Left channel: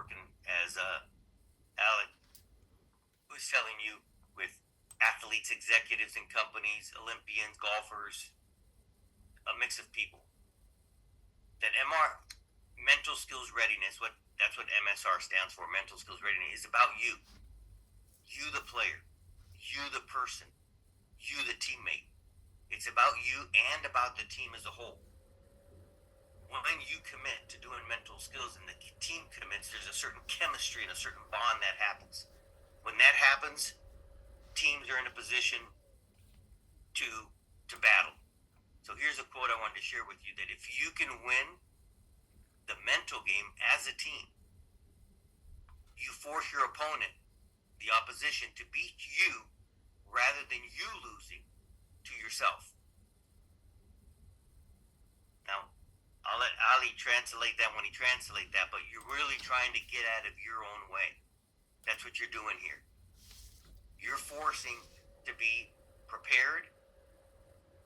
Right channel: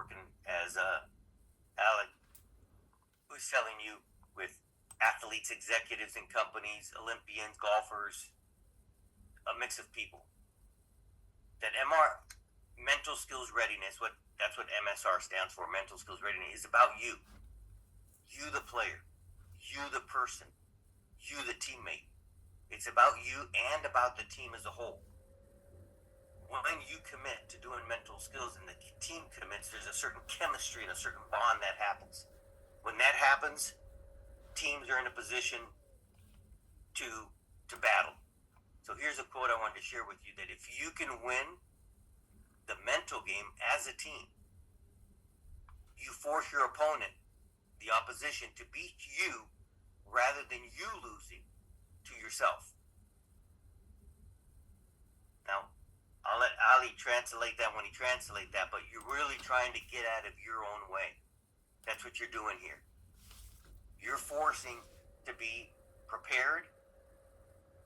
working as Alec was telling you with athletes, executives in companies, Olympians, golfers, a mix of people. That mental skills readiness, that's what MSR stands for, mental skills readiness, is about you. You the player, you the person, you the teammate. It's about you and about the team as a whole. When you commit to doing mental skills and the team commits, there's a certain chemistry and a certain bond that happens. When that happens, teams are in a position to battle. So here's a quote I wanted to share with you, that if you can win the mental game as a team, you force your opponent, the opposition, to beat you rather than you losing to yourself. Now, I'll let Ali translate that when he translates that, but you're really trying to get out of your own way. That's what you're doing here. You're forcing to be prepared,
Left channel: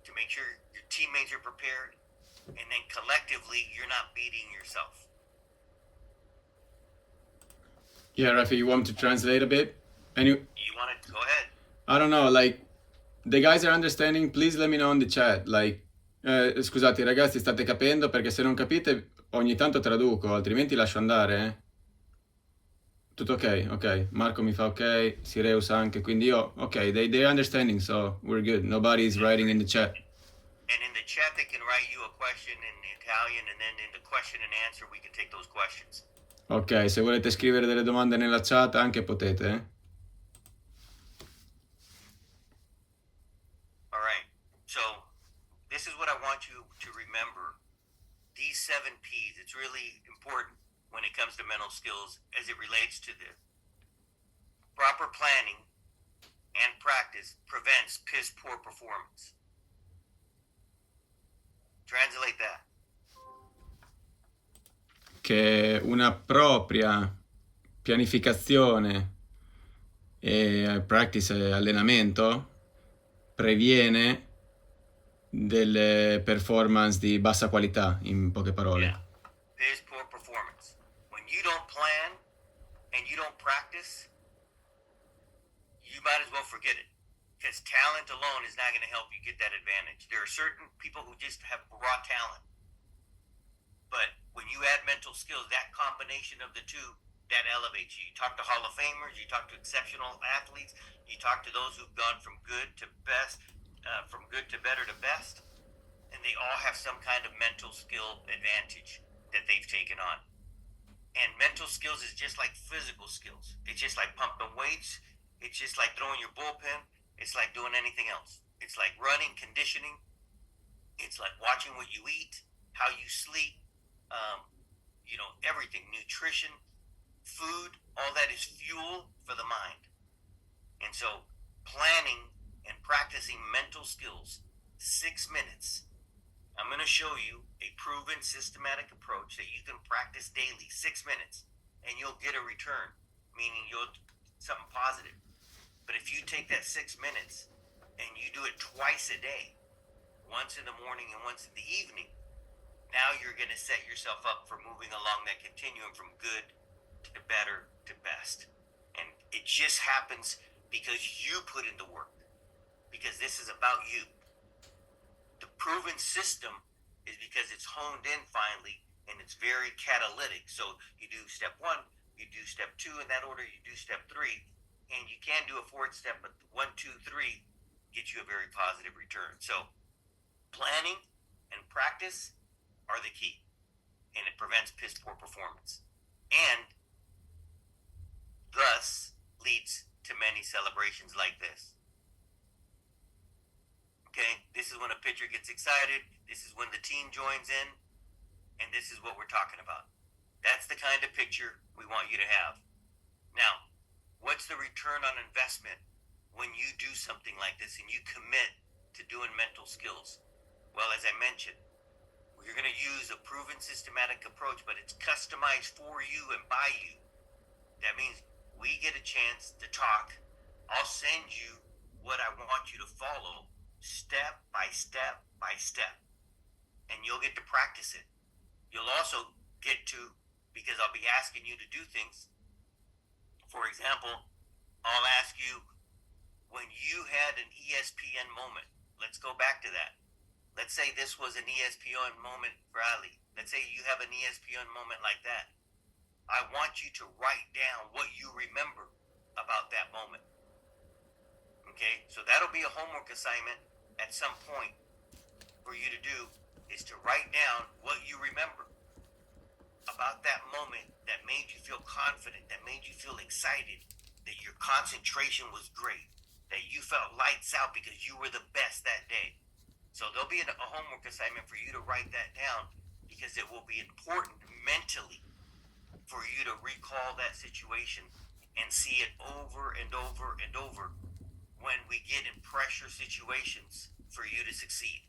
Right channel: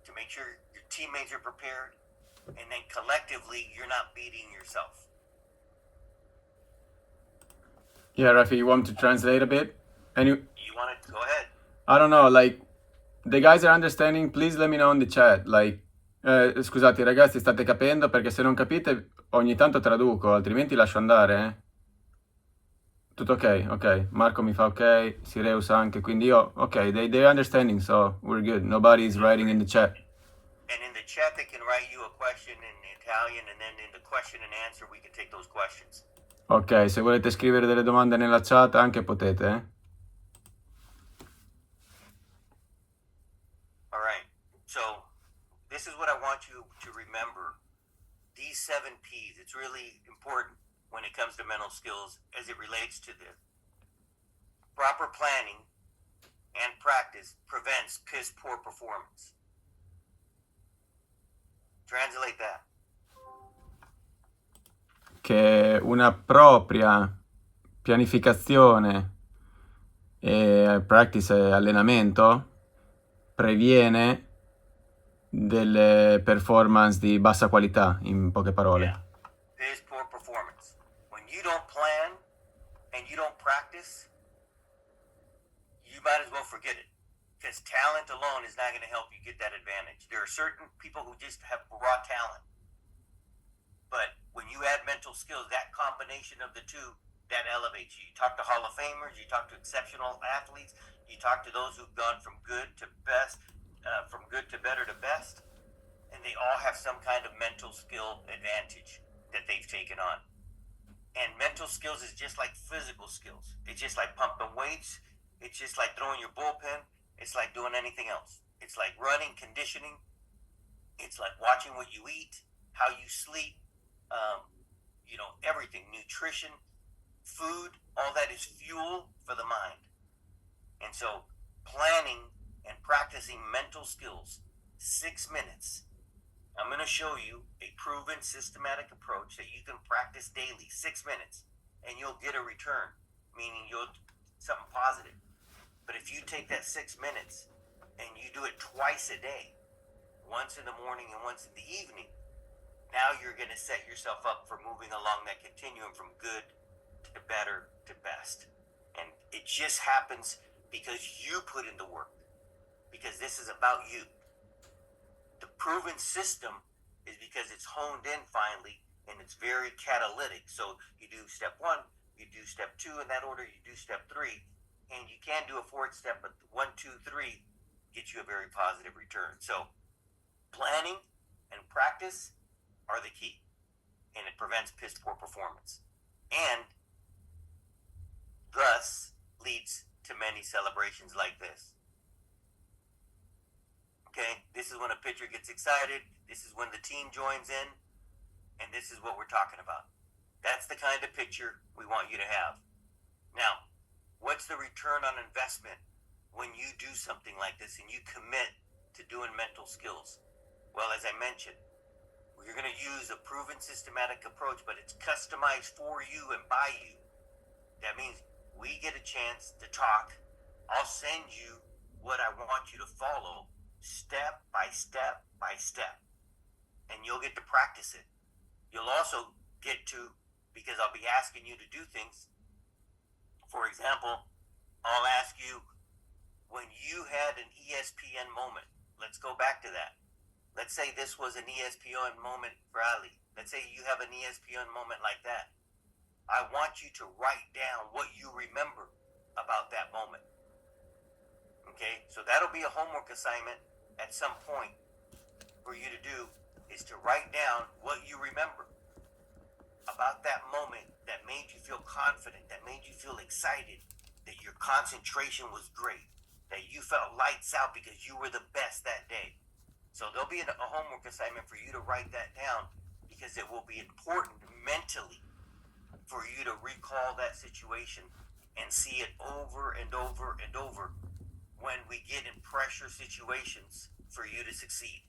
to make sure your teammates are prepared, and then collectively you're not beating yourself. Yeah, Rafi, you want to translate a bit? And You want to go ahead? I don't know, like, the guys are understanding, please let me know in the chat, like, scusate ragazzi, state capendo? Perché se non capite ogni tanto traduco, altrimenti lascio andare, eh? Tutto ok, ok. Marco mi fa ok, Sireus anche, quindi io, ok, they're understanding, so we're good. Nobody is writing in the chat. And in the chat they can write you a question in Italian, and then in the question and answer we can take those questions. Ok, se volete scrivere delle domande nella chat anche potete, eh? All right, so this is what I want you to remember. These 7 P's, it's really important when it comes to mental skills as it relates to this. Proper planning and practice prevents piss poor performance. Translate that. Che una propria pianificazione e practice e allenamento previene delle performance di bassa qualità, in poche parole. Yeah. Piss poor performance. When you don't plan and you don't practice, you might as well forget it, because talent alone is not going to help you get that advantage. There are certain people who just have raw talent, but when you add mental skills, that combination of the two, that elevates you. You talk to Hall of Famers, you talk to exceptional athletes, you talk to those who've gone from good to best, from good to better to best, and they all have some kind of mental skill advantage that they've taken on. And mental skills is just like physical skills. It's just like pumping weights. It's just like throwing your bullpen. It's like doing anything else. It's like running, conditioning. It's like watching what you eat, how you sleep, everything. Nutrition, food, all that is fuel for the mind. And so planning and practicing mental skills, 6 minutes. I'm going to show you a proven systematic approach that you can practice daily, 6 minutes, and you'll get a return, meaning you'll something positive. But if you take that 6 minutes and you do it twice a day, once in the morning and once in the evening, now you're going to set yourself up for moving along that continuum from good to better to best. And it just happens because you put in the work, because this is about you. The proven system is because it's honed in finally, and it's very catalytic. So you do step 1, you do step 2 in that order, you do step 3, and you can do a 4th step, but 1, 2, 3 gets you a very positive return. So planning and practice are the key, and it prevents piss poor performance, and thus leads to many celebrations like this. Okay, this is when a pitcher gets excited, this is when the team joins in, and this is what we're talking about. That's the kind of picture we want you to have. Now, what's the return on investment when you do something like this and you commit to doing mental skills? Well, as I mentioned, you're going to use a proven systematic approach, but it's customized for you and by you. That means we get a chance to talk. I'll send you what I want you to follow step by step by step, and you'll get to practice it. You'll also get to because I'll be asking you to do things. For example, I'll ask you, when you had an ESPN moment, let's go back to that. Let's say this was an ESPN moment for Ali. Let's say you have an ESPN moment like that. I want you to write down what you remember about that moment. Okay, so that'll be a homework assignment at some point for you to do, is to write down what you remember about that moment that made you feel confident, that made you feel excited, that your concentration was great, that you felt lights out because you were the best that day. So there'll be a homework assignment for you to write that down, because it will be important mentally for you to recall that situation and see it over and over and over when we get in pressure situations for you to succeed.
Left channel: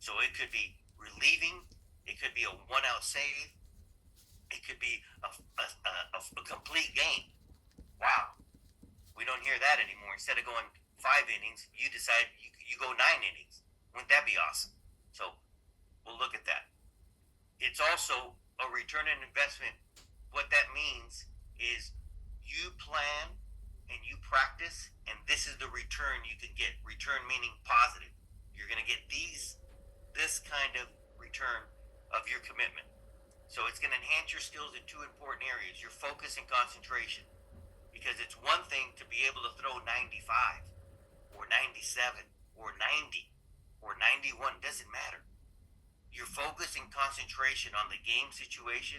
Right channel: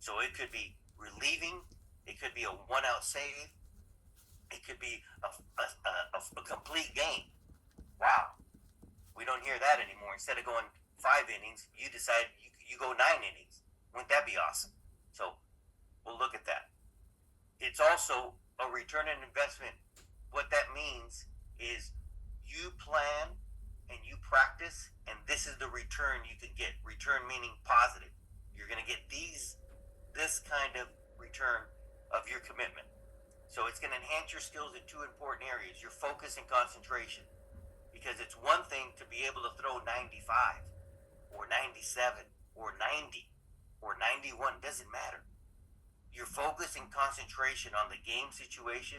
So it could be relieving, it could be a one-out save, it could be a complete game. Wow, we don't hear that anymore. Instead of going 5 innings, you decide you go 9 innings. Wouldn't that be awesome? So we'll look at that. It's also a return on investment. What that means is you plan and you practice, and this is the return you could get. Return meaning positive. You're going to get this kind of return of your commitment. So it's going to enhance your skills in 2 important areas: your focus and concentration. Because it's one thing to be able to throw 95 or 97 or 90 or 91, doesn't matter. Your focus and concentration on the game situation,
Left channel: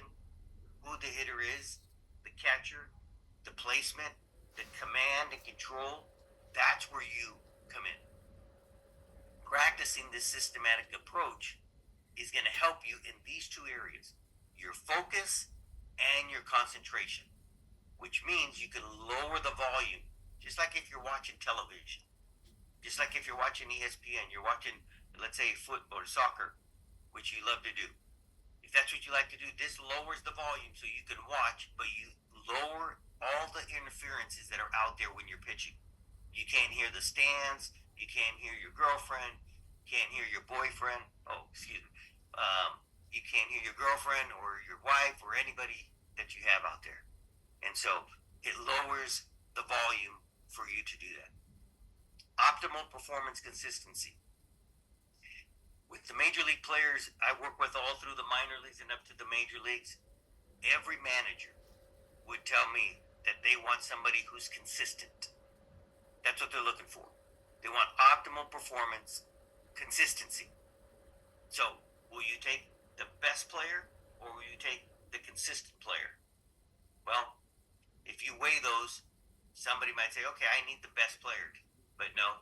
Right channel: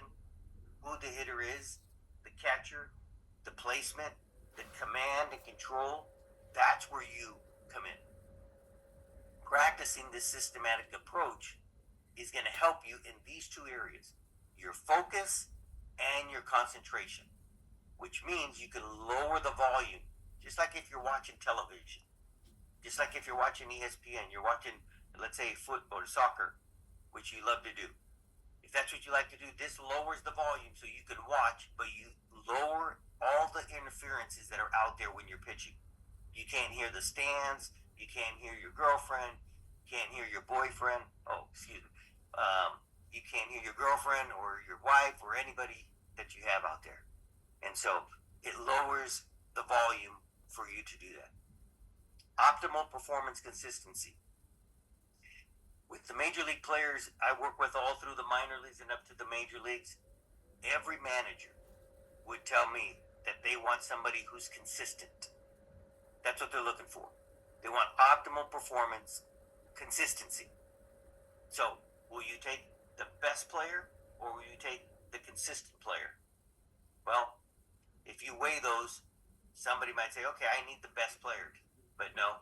who the hitter is, the catcher, the placement, the command and control, that's where you come in. Practicing this systematic approach is going to help you in these 2 areas: your focus and your concentration, which means you can lower the volume, just like if you're watching television, just like if you're watching ESPN, you're watching, let's say, football or soccer, which you love to do. If that's what you like to do, this lowers the volume so you can watch, but you lower all the interferences that are out there when you're pitching. You can't hear the stands, you can't hear your girlfriend, you can't hear your boyfriend, you can't hear your girlfriend or your wife or anybody that you have out there. And so it lowers the volume for you to do that. Optimal performance consistency. With the major league players I work with all through the minor leagues and up to the major leagues, every manager would tell me that they want somebody who's consistent. That's what they're looking for. They want optimal performance consistency. So will you take the best player or will you take the consistent player? Well, if you weigh those, somebody might say, okay, I need the best player. But no,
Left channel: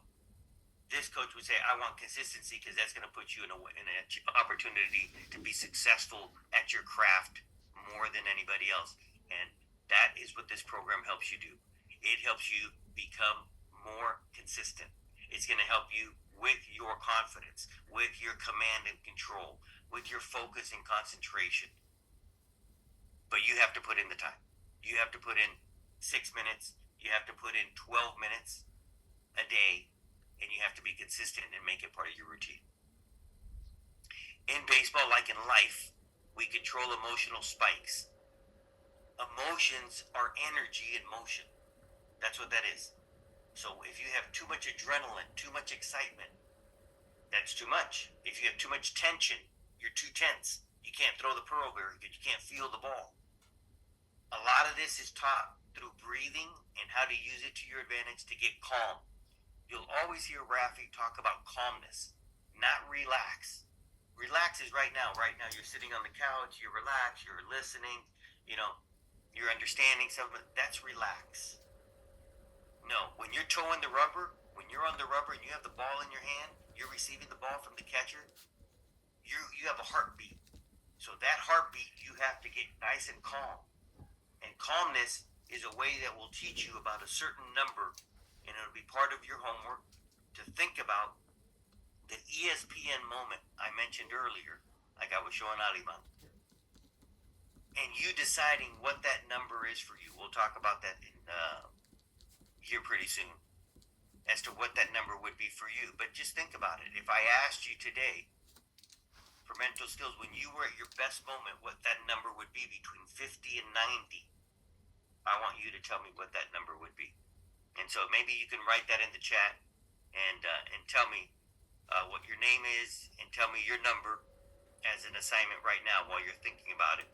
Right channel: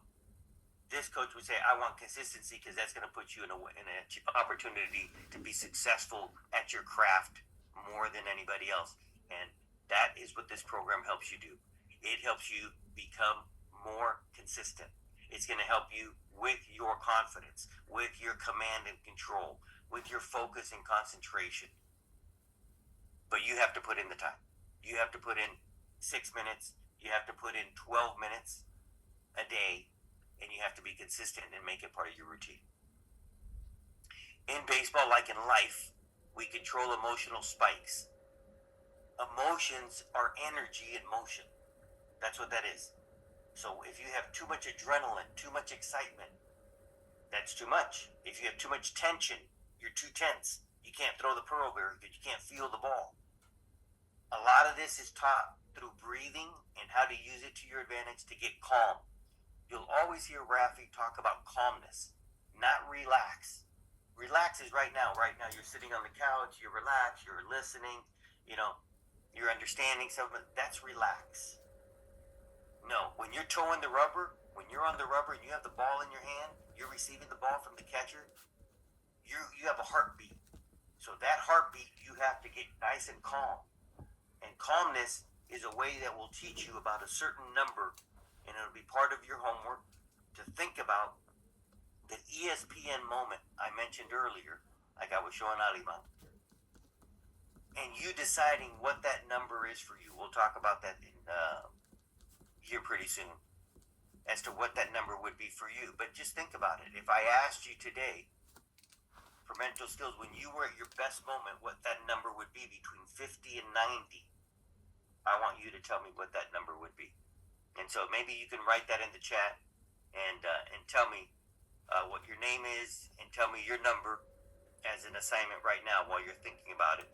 this coach would say, I want consistency, because that's going to put you in an opportunity to be successful at your craft more than anybody else. And that is what this program helps you do. It helps you become more consistent. It's going to help you with your confidence, with your command and control, with your focus and concentration. But you have to put in the time. You have to put in 6 minutes. You have to put in 12 minutes a day. And you have to be consistent and make it part of your routine. In baseball, like in life, we control emotional spikes. Emotions are energy in motion. That's what that is. So if you have too much adrenaline, too much excitement, that's too much. If you have too much tension, you're too tense. You can't throw the pearl very good. You can't feel the ball. A lot of this is taught through breathing and how to use it to your advantage to get calm. You'll always hear Rafi talk about calmness, not relax. Relax is right now. Right now you're sitting on the couch, you're relaxed, you're listening, you're understanding something. That's relax. No, when you're toeing the rubber, when you're on the rubber and you have the ball in your hand, you're receiving the ball from the catcher, you have a heartbeat. So that heartbeat, you have to get nice and calm. And calmness is a way that will teach you about a certain number, and it'll be part of your homework to think about the ESPN moment I mentioned earlier, like I was showing Aliman, and you deciding what that number is for you. We'll talk about that here pretty soon, as to what that number would be for you. But just think about it. If I asked you today, for mental skills, when you were at your best moment, what that number would be between 50 and 90. I want you to tell me what that number would be. And so maybe you can write that in the chat and tell me what your name is and tell me your number as an assignment right now while you're thinking about it.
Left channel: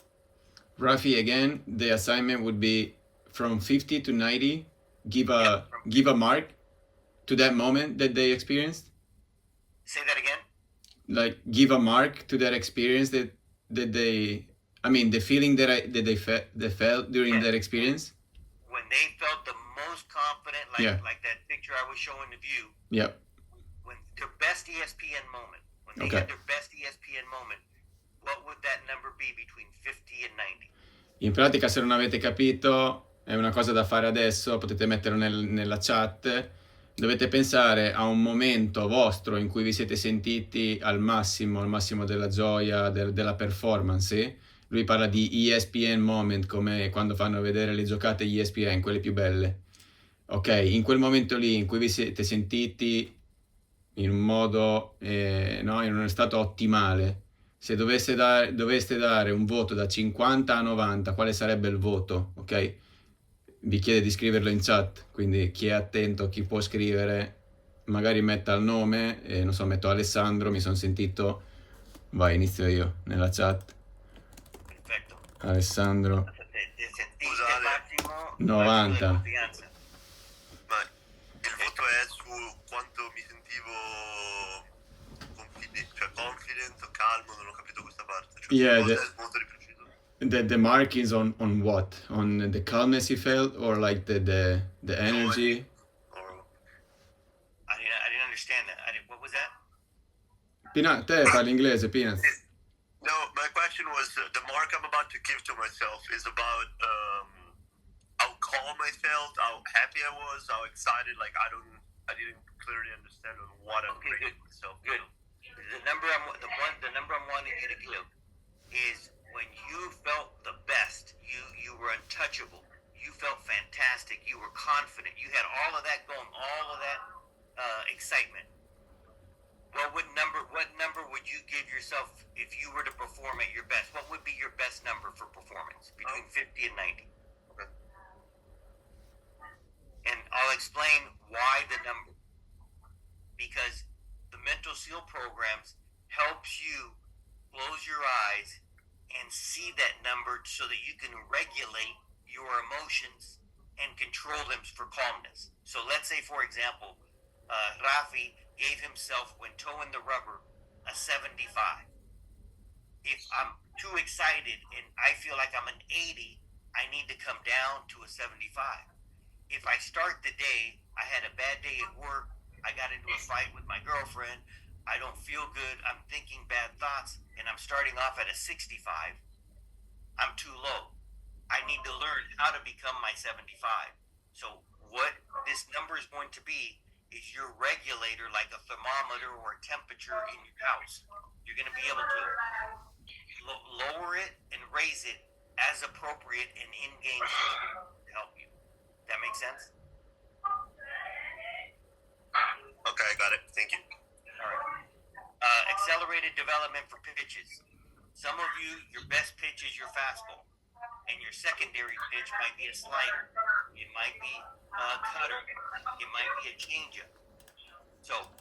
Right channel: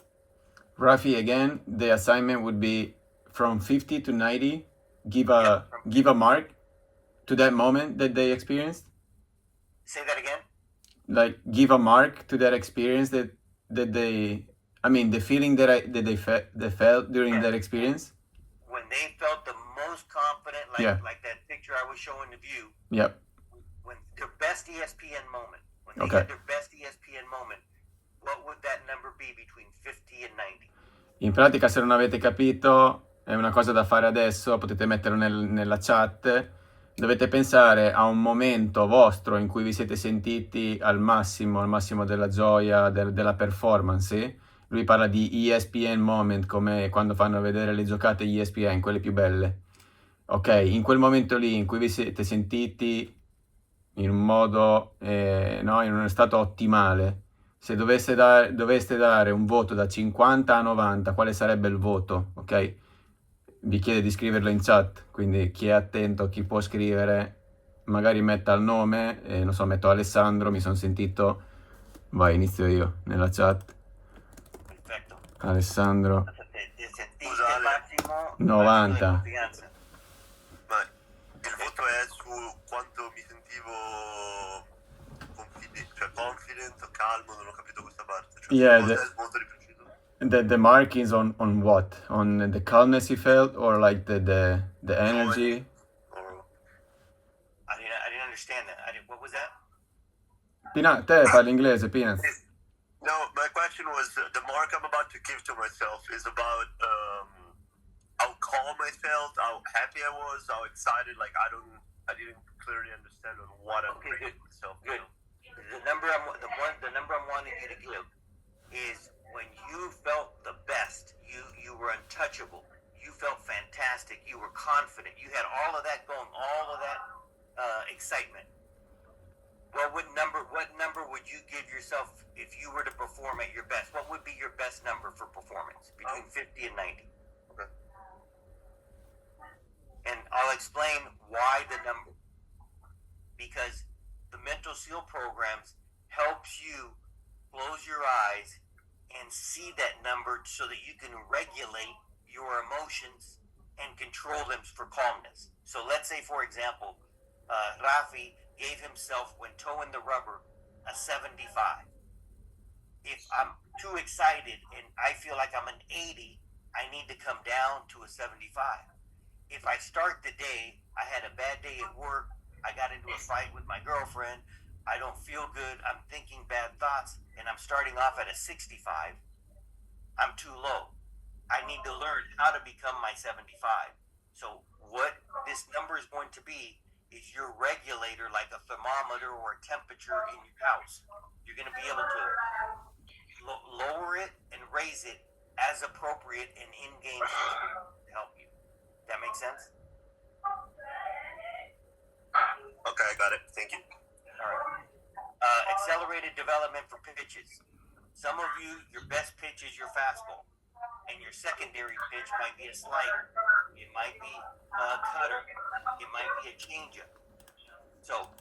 Rafi, again, the assignment would be from 50 to 90. Give a mark to that moment that they experienced. Say that again. Like give a mark to that experience that they. I mean, the feeling that they felt during that experience. When they felt the most confident, like that picture I was showing to you. Yep. When their best ESPN moment, when they had their best ESPN moment, what would that number be between 50 and 90? In pratica, se non avete capito, è una cosa da fare adesso, potete metterlo nella chat. Dovete pensare a un momento vostro in cui vi siete sentiti al massimo della gioia, della performance. Lui parla di ESPN moment, come quando fanno vedere le giocate ESPN, quelle più belle. Ok, in quel momento lì in cui vi siete sentiti in un modo, in uno stato ottimale, se doveste dare un voto da 50 a 90, quale sarebbe il voto? Ok? Vi chiede di scriverlo in chat, quindi chi è attento, chi può scrivere, magari metta il nome, non so, metto Alessandro, mi sono sentito, vai, inizio io nella chat. Perfetto. Alessandro. Scusa, massimo 90. Il voto è su quanto mi sentivo confident, calmo, non ho capito questa parte. Molto di preciso. The mark is on what? On the calmness you felt or like the energy? I didn't understand that. What was that? Te parli inglese, Peanuts. No, my question was the mark I'm about to give to myself is about how calm I felt, how happy I was, how excited. Like I didn't clearly understand on what I'm giving myself. Good. The number I'm wanting you to give is when you felt the best. You were untouchable. You felt fantastic. You were confident. You had all of that going. All of that excitement. What number would you give yourself if you were to perform at your best? What would be your best number for performance between 50 and 90? Okay. And I'll explain why the number. Because the mental seal programs helps you close your eyes and see that number so that you can regulate your emotions and control them for calmness. So let's say, for example, Rafi gave himself, when towing the rubber, a 75. If I'm too excited and I feel like I'm an 80, I need to come down to a 75. If I start the day, I had a bad day at work, I got into a fight with my girlfriend, I don't feel good, I'm thinking bad thoughts, and I'm starting off at a 65, I'm too low. I need to learn how to become my 75. So what this number is going to be is your regulator, like a thermometer or a temperature in your house. You're going to be able to lower it and raise it as appropriate in in-game to help you. That make sense? Okay, I got it. Thank you. All right. Accelerated development for pitches. Some of you, your best pitch is your fastball, and your secondary pitch might be a slider. It might be a cutter. It might be a changeup. So,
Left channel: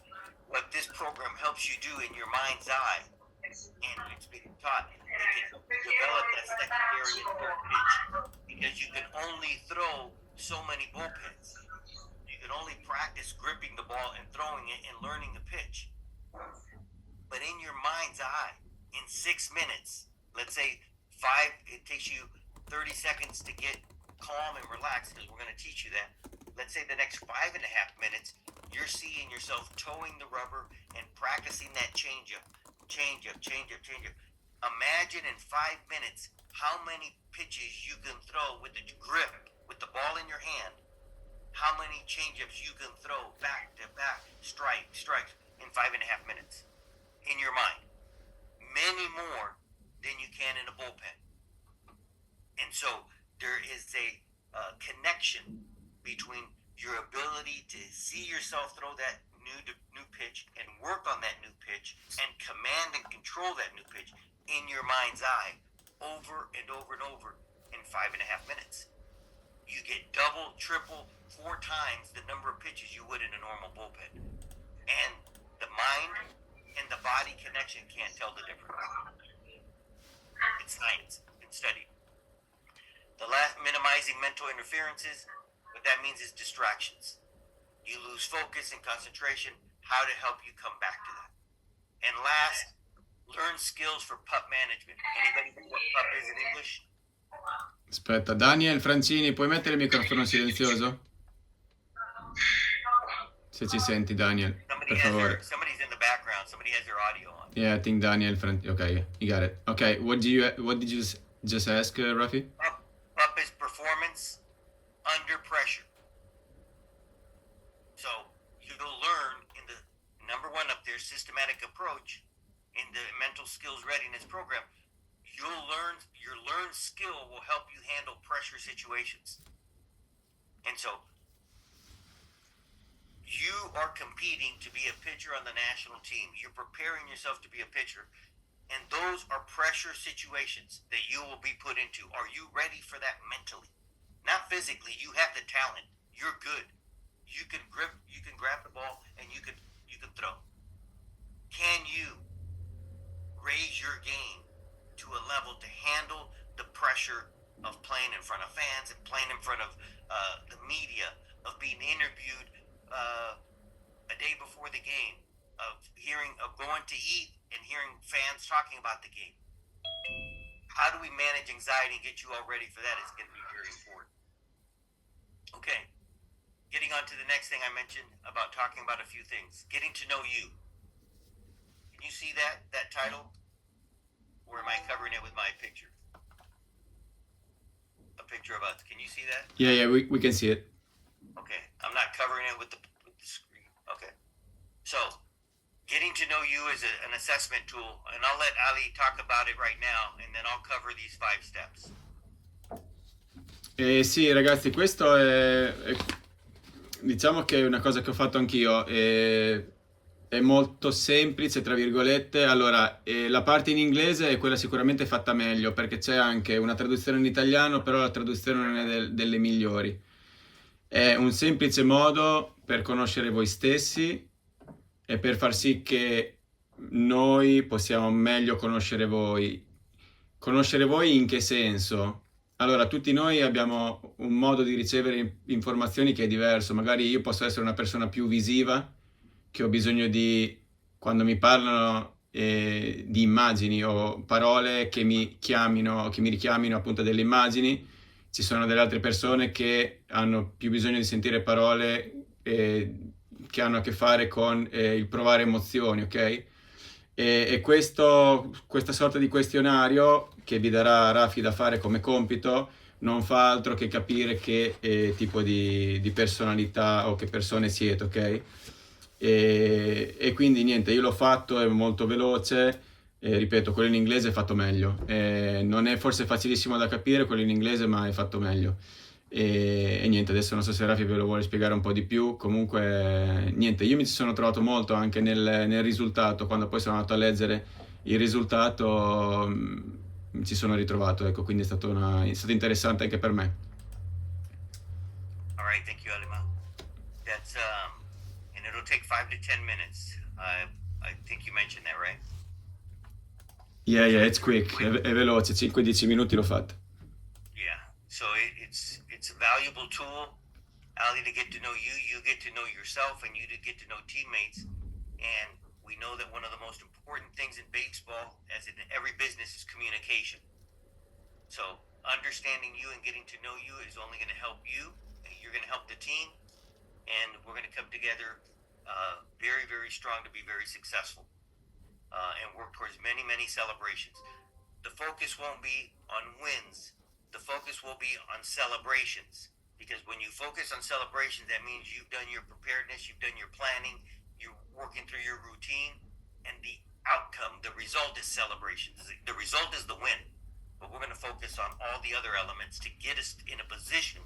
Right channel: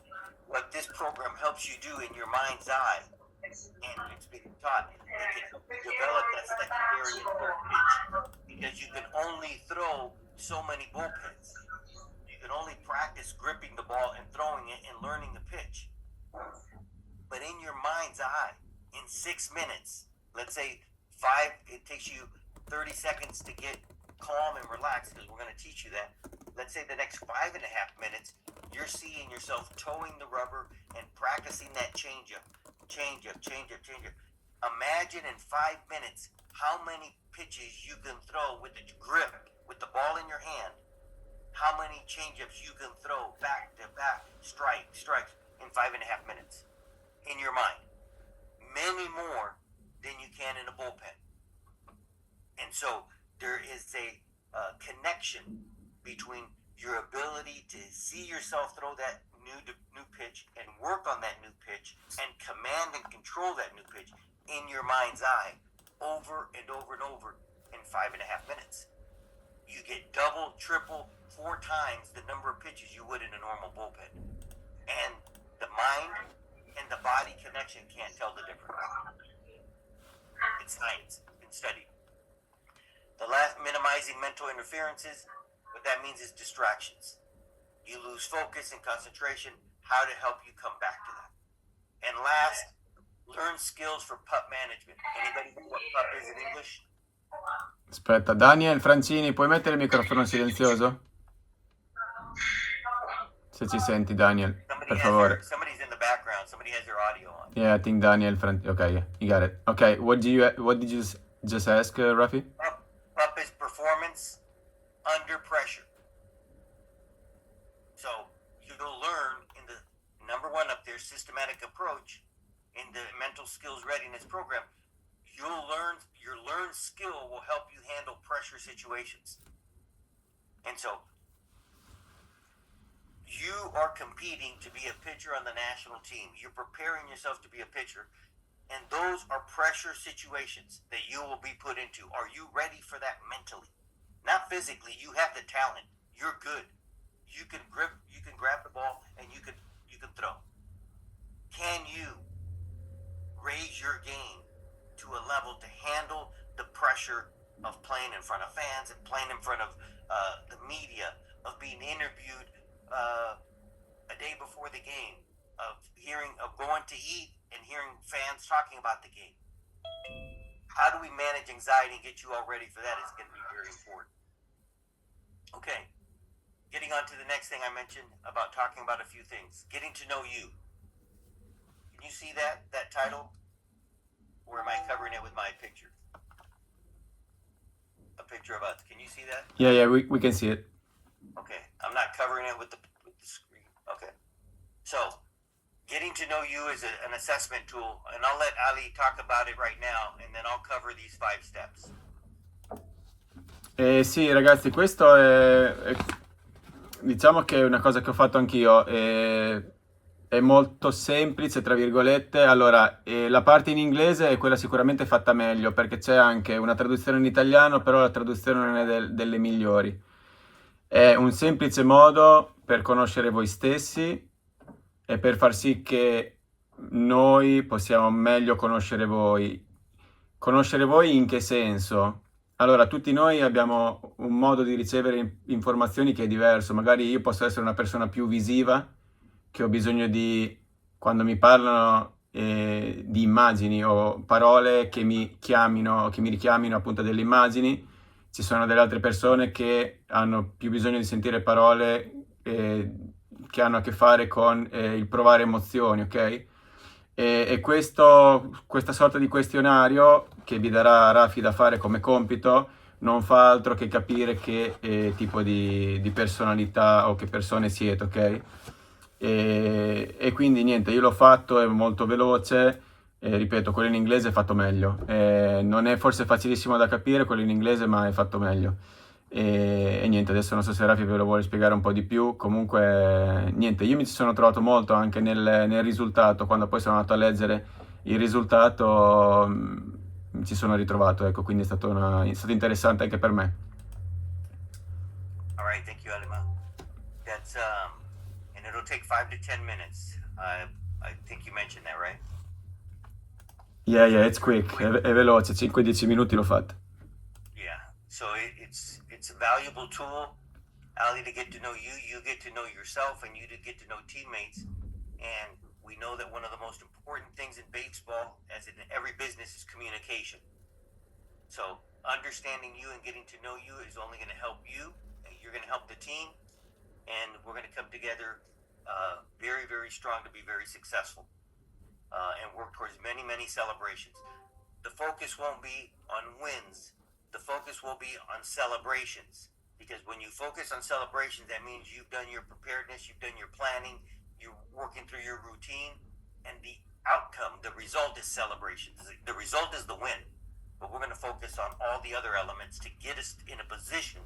what this program helps you do in your mind's eye, and it's been taught, it can help you develop that secondary and third pitch, because you can only throw so many bullpens. You can only practice gripping the ball and throwing it and learning the pitch. But in your mind's eye, in 6 minutes, let's say it takes you 30 seconds to get calm and relaxed, because we're going to teach you that. Let's say the next 5.5 minutes, you're seeing yourself towing the rubber and practicing that changeup. Imagine in 5 minutes how many pitches you can throw with the grip, with the ball in your hand. How many changeups you can throw back to back, strikes in 5.5 minutes in your mind. Many more than you can in a bullpen. And so there is a connection between your ability to see yourself throw that new pitch and work on that new pitch and command and control that new pitch in your mind's eye over and over and over in 5.5 minutes. You get double, triple, 4 times the number of pitches you would in a normal bullpen. And the mind and the body connection can't tell the difference. It's science. It's been studied. The last, minimizing mental interferences, what that means is distractions. You lose focus and concentration, how to help you come back to that. And last, learn skills for pup management. Anybody know what pup is in English? Aspetta, Daniel Francini, puoi mettere il microfono silenzioso? Se ci senti, Daniel, per favore. Somebody's in the background. Somebody has their audio on. Yeah, I think Daniel Okay, you got it. Okay, what did you just ask, Rafi? Pup is performance under pressure. So you'll learn in the number 1 up there, systematic approach in the mental skills readiness program. Your learned skill will help you handle pressure situations. And so you are competing to be a pitcher on the national team. You're preparing yourself to be a pitcher. And those are pressure situations that you will be put into. Are you ready for that mentally? Not physically. You have the talent. You're good. You can grab the ball and you can throw. Can you raise your game to a level to handle the pressure of playing in front of fans and playing in front of the media, of being interviewed a day before the game, of going to eat and hearing fans talking about the game? How do we manage anxiety and get you all ready for that is going to be very important. Okay, getting on to the next thing I mentioned about talking about a few things. Getting to know you. Can you see that title? Or am I covering it with my picture? A picture of us. Can you see that? Yeah, we can see it. Okay, I'm not covering it with the screen. Okay. So, getting to know you is an assessment tool, and I'll let Ali talk about it right now, and then I'll cover these 5 steps. Sì, ragazzi, questo diciamo che è una cosa che ho fatto anch'io. È molto semplice, tra virgolette. Allora, la parte in inglese è quella sicuramente fatta meglio, perché c'è anche una traduzione in italiano, però la traduzione non è delle migliori. È un semplice modo per conoscere voi stessi e per far sì che noi possiamo meglio conoscere voi. Conoscere voi in che senso? Allora, tutti noi abbiamo un modo di ricevere informazioni che è diverso. Magari io posso essere una persona più visiva, che ho bisogno di, quando mi parlano di immagini o parole che mi richiamino appunto delle immagini. Ci sono delle altre persone che hanno più bisogno di sentire parole che hanno a che fare con il provare emozioni, ok? E questa sorta di questionario che vi darà Rafi da fare come compito non fa altro che capire che tipo di personalità o che persone siete, ok? E quindi niente, io l'ho fatto, è molto veloce, ripeto, quello in inglese è fatto meglio, non è forse facilissimo da capire quello in inglese, ma è fatto meglio. E niente, adesso non so se Rafi ve lo vuole spiegare un po' di più. Comunque niente, io mi ci sono trovato molto anche nel risultato. Quando poi sono andato a leggere il risultato mi ci sono ritrovato, ecco, quindi è stato interessante anche per me. All right, thank you, Alima. That's and it'll take 5 to 10 minutes. I think you mentioned that, right? Yeah, it's quick, è veloce, 5-10 minuti l'ho fatto. Yeah, so it's a valuable tool, Ali, to get to know you, you get to know yourself, and you to get to know teammates. And we know that one of the most important things in baseball, as in every business, is communication. So understanding you and getting to know you is only going to help you, and you're going to help the team, and we're going to come together very, very strong to be very successful and work towards many, many celebrations. The focus won't be on wins. The focus will be on celebrations, because when you focus on celebrations, that means you've done your preparedness, you've done your planning, you're working through your routine, and the outcome, the result is celebrations. The result is the win, but we're going to focus on all the other elements to get us in a position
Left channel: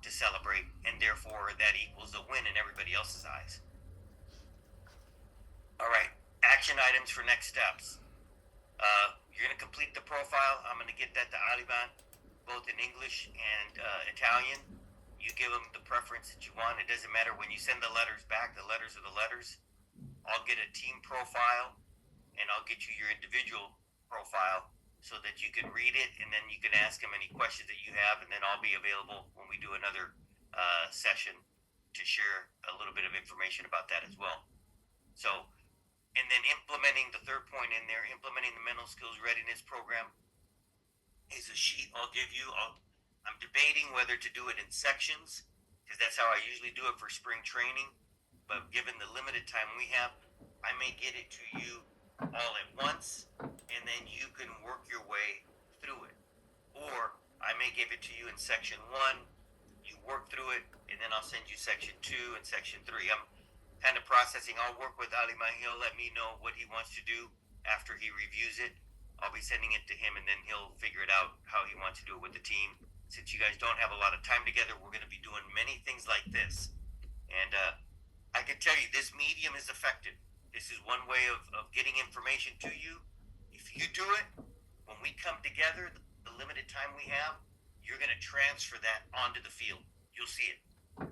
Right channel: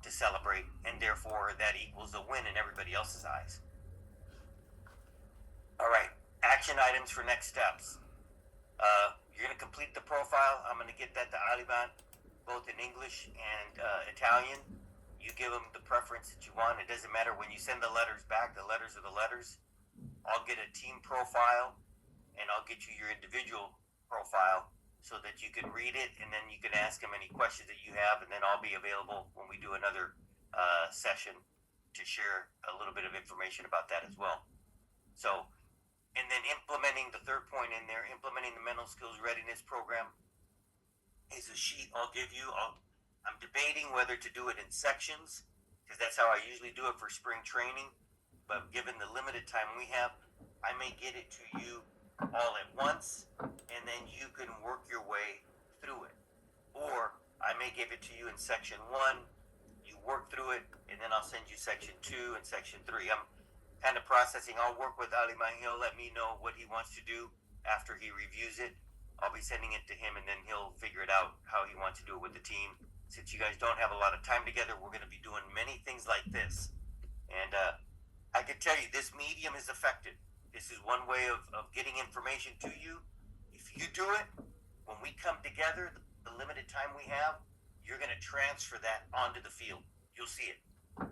to celebrate, and therefore that equals a win in everybody else's eyes. All right. Action items for next steps. You're going to complete the profile. I'm going to get that to Aliban, both in English and Italian. You give them the preference that you want. It doesn't matter when you send the letters back. The letters are the letters. I'll get a team profile, and I'll get you your individual profile so that you can read it, and then you can ask them any questions that you have, and then I'll be available when we do another session to share a little bit of information about that as well. So, and then implementing the third point in there, implementing the mental skills readiness program is a sheet I'll give you. I'm debating whether to do it in sections because that's how I usually do it for spring training. But given the limited time we have, I may get it to you all at once, and then you can work your way through it. Or I may give it to you in section 1, you work through it, and then I'll send you section 2 and section 3. I'm kind of processing. I'll work with Ali. He'll let me know what he wants to do after he reviews it. I'll be sending it to him, and then he'll figure it out how he wants to do it with the team. Since you guys don't have a lot of time together, we're going to be doing many things like this. And I can tell you, this medium is effective. This is one way of getting information to you. If you do it, when we come together, the limited time we have, you're going to transfer that onto the field. You'll see it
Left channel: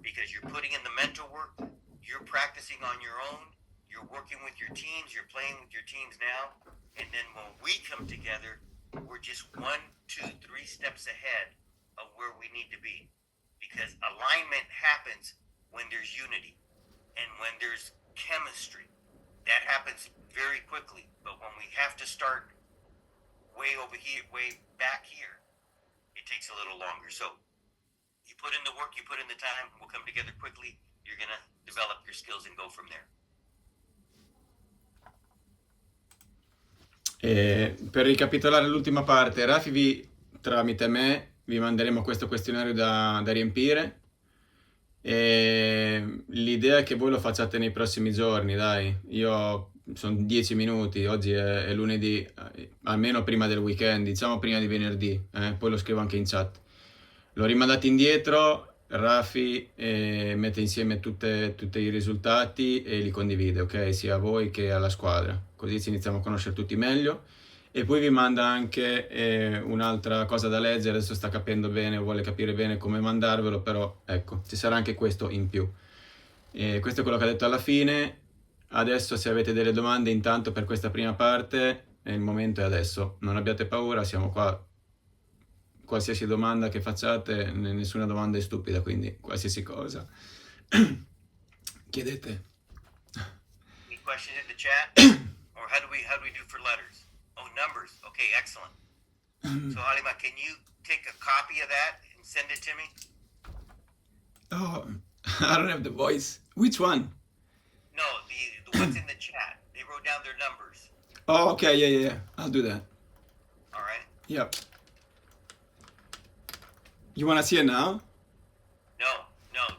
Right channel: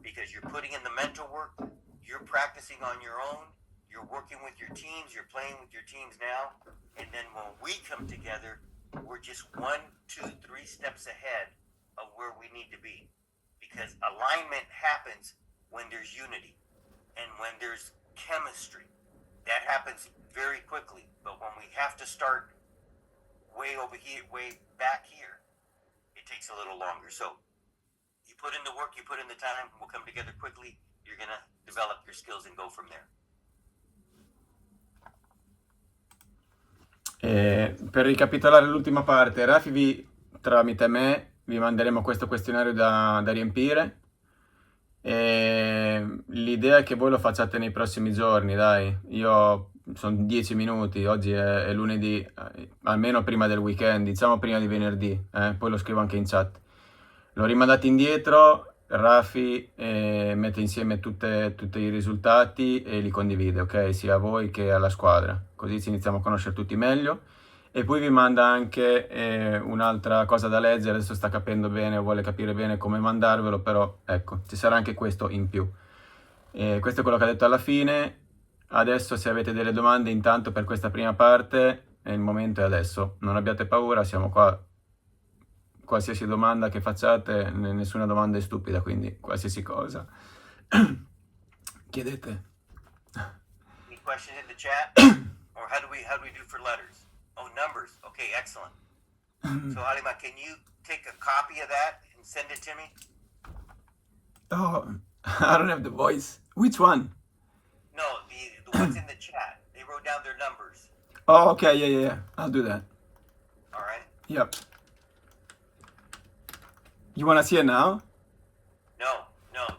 because you're putting in the mental work. You're practicing on your own. You're working with your teams. You're playing with your teams now. And then when we come together, we're just 1, 2, 3 steps ahead of where we need to be. Because alignment happens when there's unity and when there's chemistry. That happens very quickly. But when we have to start way over here, way back here, it takes a little longer. So you put in the work, you put in the time, we'll come together quickly. You're going to develop your skills and go from there. Per ricapitolare l'ultima parte, Rafi tramite me vi manderemo questo questionario da riempire. L'idea è che voi lo facciate nei prossimi giorni, dai. Io sono 10 minuti, oggi è lunedì, almeno prima del weekend, diciamo prima di venerdì, poi lo scrivo anche in chat. L'ho rimandato indietro. Rafi mette insieme tutti i risultati e li condivide, ok? Sia a voi che alla squadra, così ci iniziamo a conoscere tutti meglio. E poi vi manda anche un'altra cosa da leggere, adesso sta capendo bene, vuole capire bene come mandarvelo, però ecco, ci sarà anche questo in più. Questo è quello che ha detto alla fine. Adesso se avete delle domande intanto per questa prima parte, il momento è adesso, non abbiate paura, siamo qua. Qualsiasi domanda che facciate, nessuna domanda è stupida, quindi qualsiasi cosa. Chiedete. Any questions in the chat? Or how do we do for letters? Oh, numbers. Okay, excellent. So Halima, can you take a copy of that and send it to me? Oh, I don't have the voice. Which one? No, the ones in the chat. They wrote down their numbers. Oh, okay, yeah. I'll do that. All right. Yep. You want to see it now? No.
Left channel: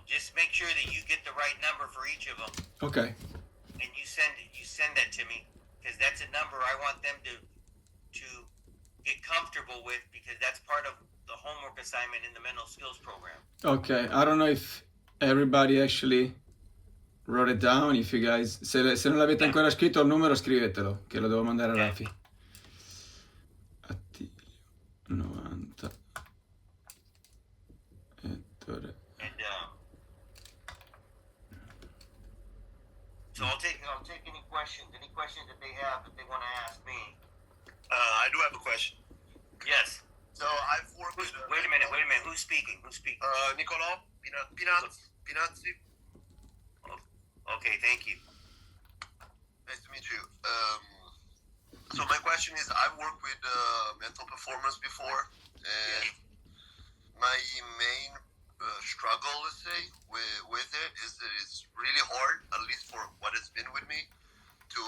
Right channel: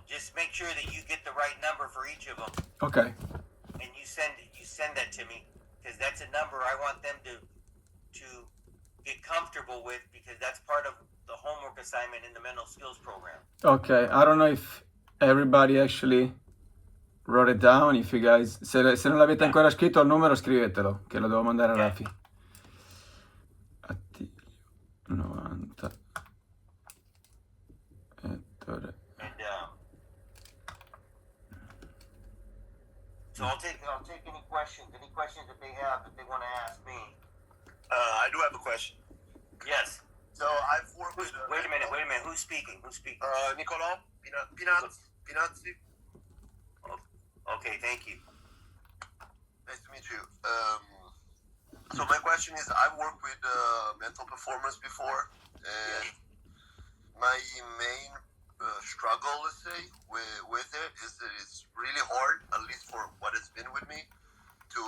Just make sure that you get the right number for each of them, Okay. and you send that to me because that's a number I want them to get comfortable with because that's part of the homework assignment in the mental skills program. Okay, I don't know if everybody actually wrote it down. If you guys, se non l'avete ancora scritto il numero, scrivetelo, che lo devo mandare a Rafi. Attilio 90 Ettore. And so I'll take any questions that they have that they want to ask me. I do have a question. Yes. So I've worked with... Wait a minute. Who's speaking? Nicolò Pinazzi. Okay, thank you. Nice to meet you. So my question is, I've worked with mental performance before, and my main struggle, let's say, with it is that it's really hard, at least for what it's been with me, to...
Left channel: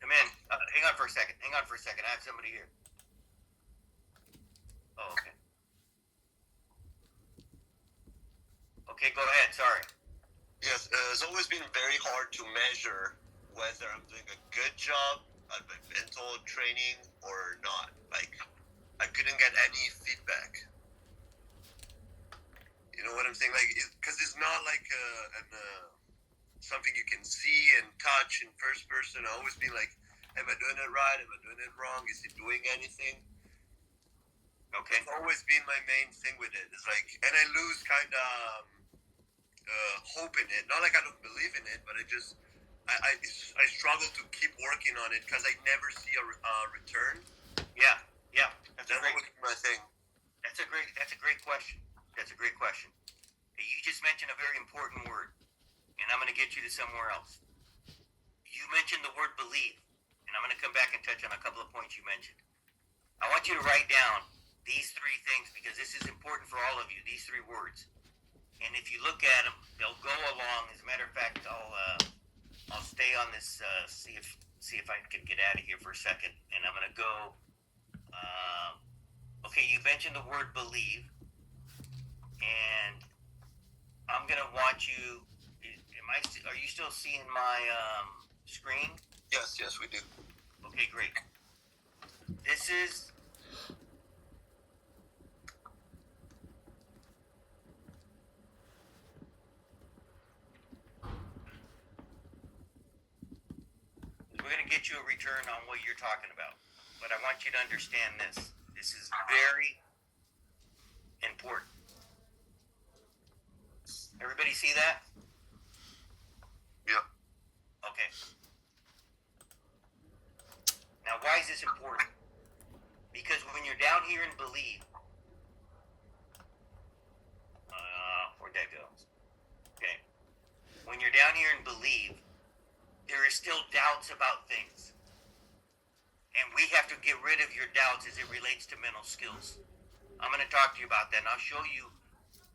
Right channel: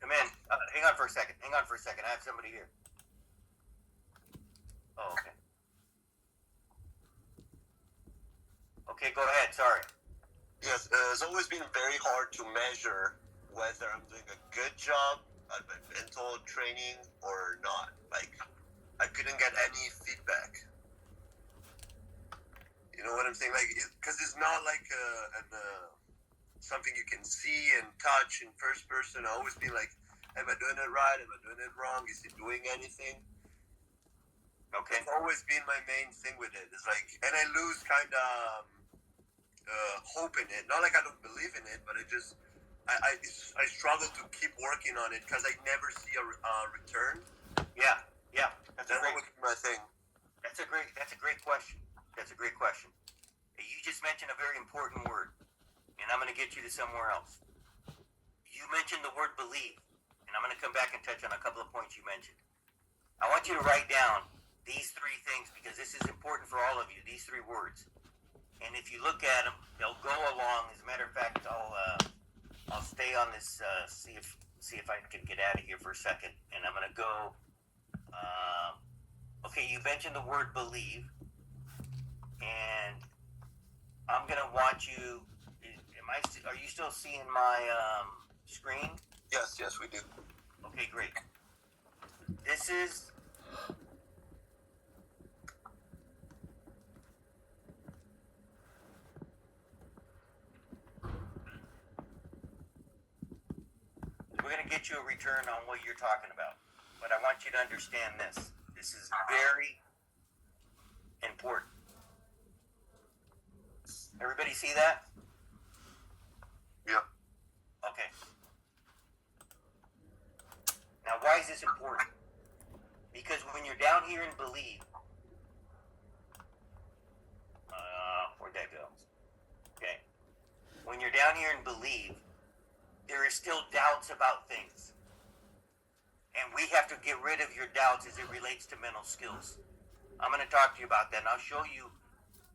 Come in. Hang on for a second. I have somebody here. Oh, okay. Okay, go ahead. Sorry. Yes, it's always been very hard to measure whether I'm doing a good job at my mental training or not. Like, I couldn't get any feedback. You know what I'm saying? Like, because it's not like something you can see and touch in first person. I always be like, am I doing it right? Am I doing it wrong? Is it doing anything? Okay. It's always been my main thing with it. It's like, and I lose kind of hope in it. Not like I don't believe in it, but I struggle to keep working on it because I never see a return. Yeah. That's my thing. That's a great question. That's a great question. You just mentioned a very important word, and I'm going to get you to somewhere else. You mentioned the word believe, and I'm going to come back and touch on a couple of points you mentioned. I want you to write down these three things because this is important for all of you, these three words. And if you look at them, they'll go along. As a matter of fact, I'll stay on this, see if I can get out of here for a second. And I'm going to go, okay, you mentioned the word believe. And I'm going to want you, are you still seeing my screen? Yes, we do. Okay, great. This is we're going to get you a return on what you're talking about. But I want you to understand this. This is very important. Everybody see that? Yeah. Okay. Now, why is this important? Because when you're down here in believe, where'd that go? Okay. When you're down here in believe, there is still doubts about things. And we have to get rid of your doubts as it relates to mental skills. I'm going to talk to you about that, and I'll show you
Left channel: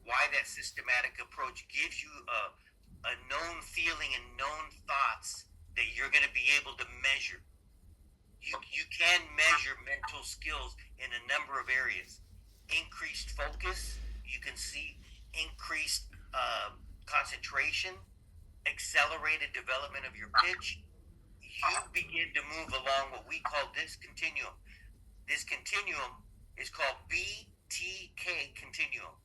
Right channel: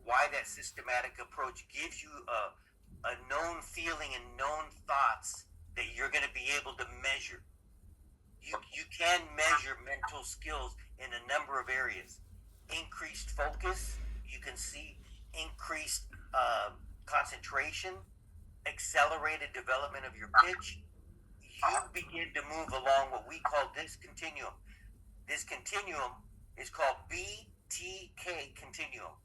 why that systematic approach gives you a known feeling and known thoughts that you're going to be able to measure. You can measure mental skills in a number of areas. Increased focus, you can see increased concentration, accelerated development of your pitch. You begin to move along what we call this continuum. This continuum is called BTK continuum.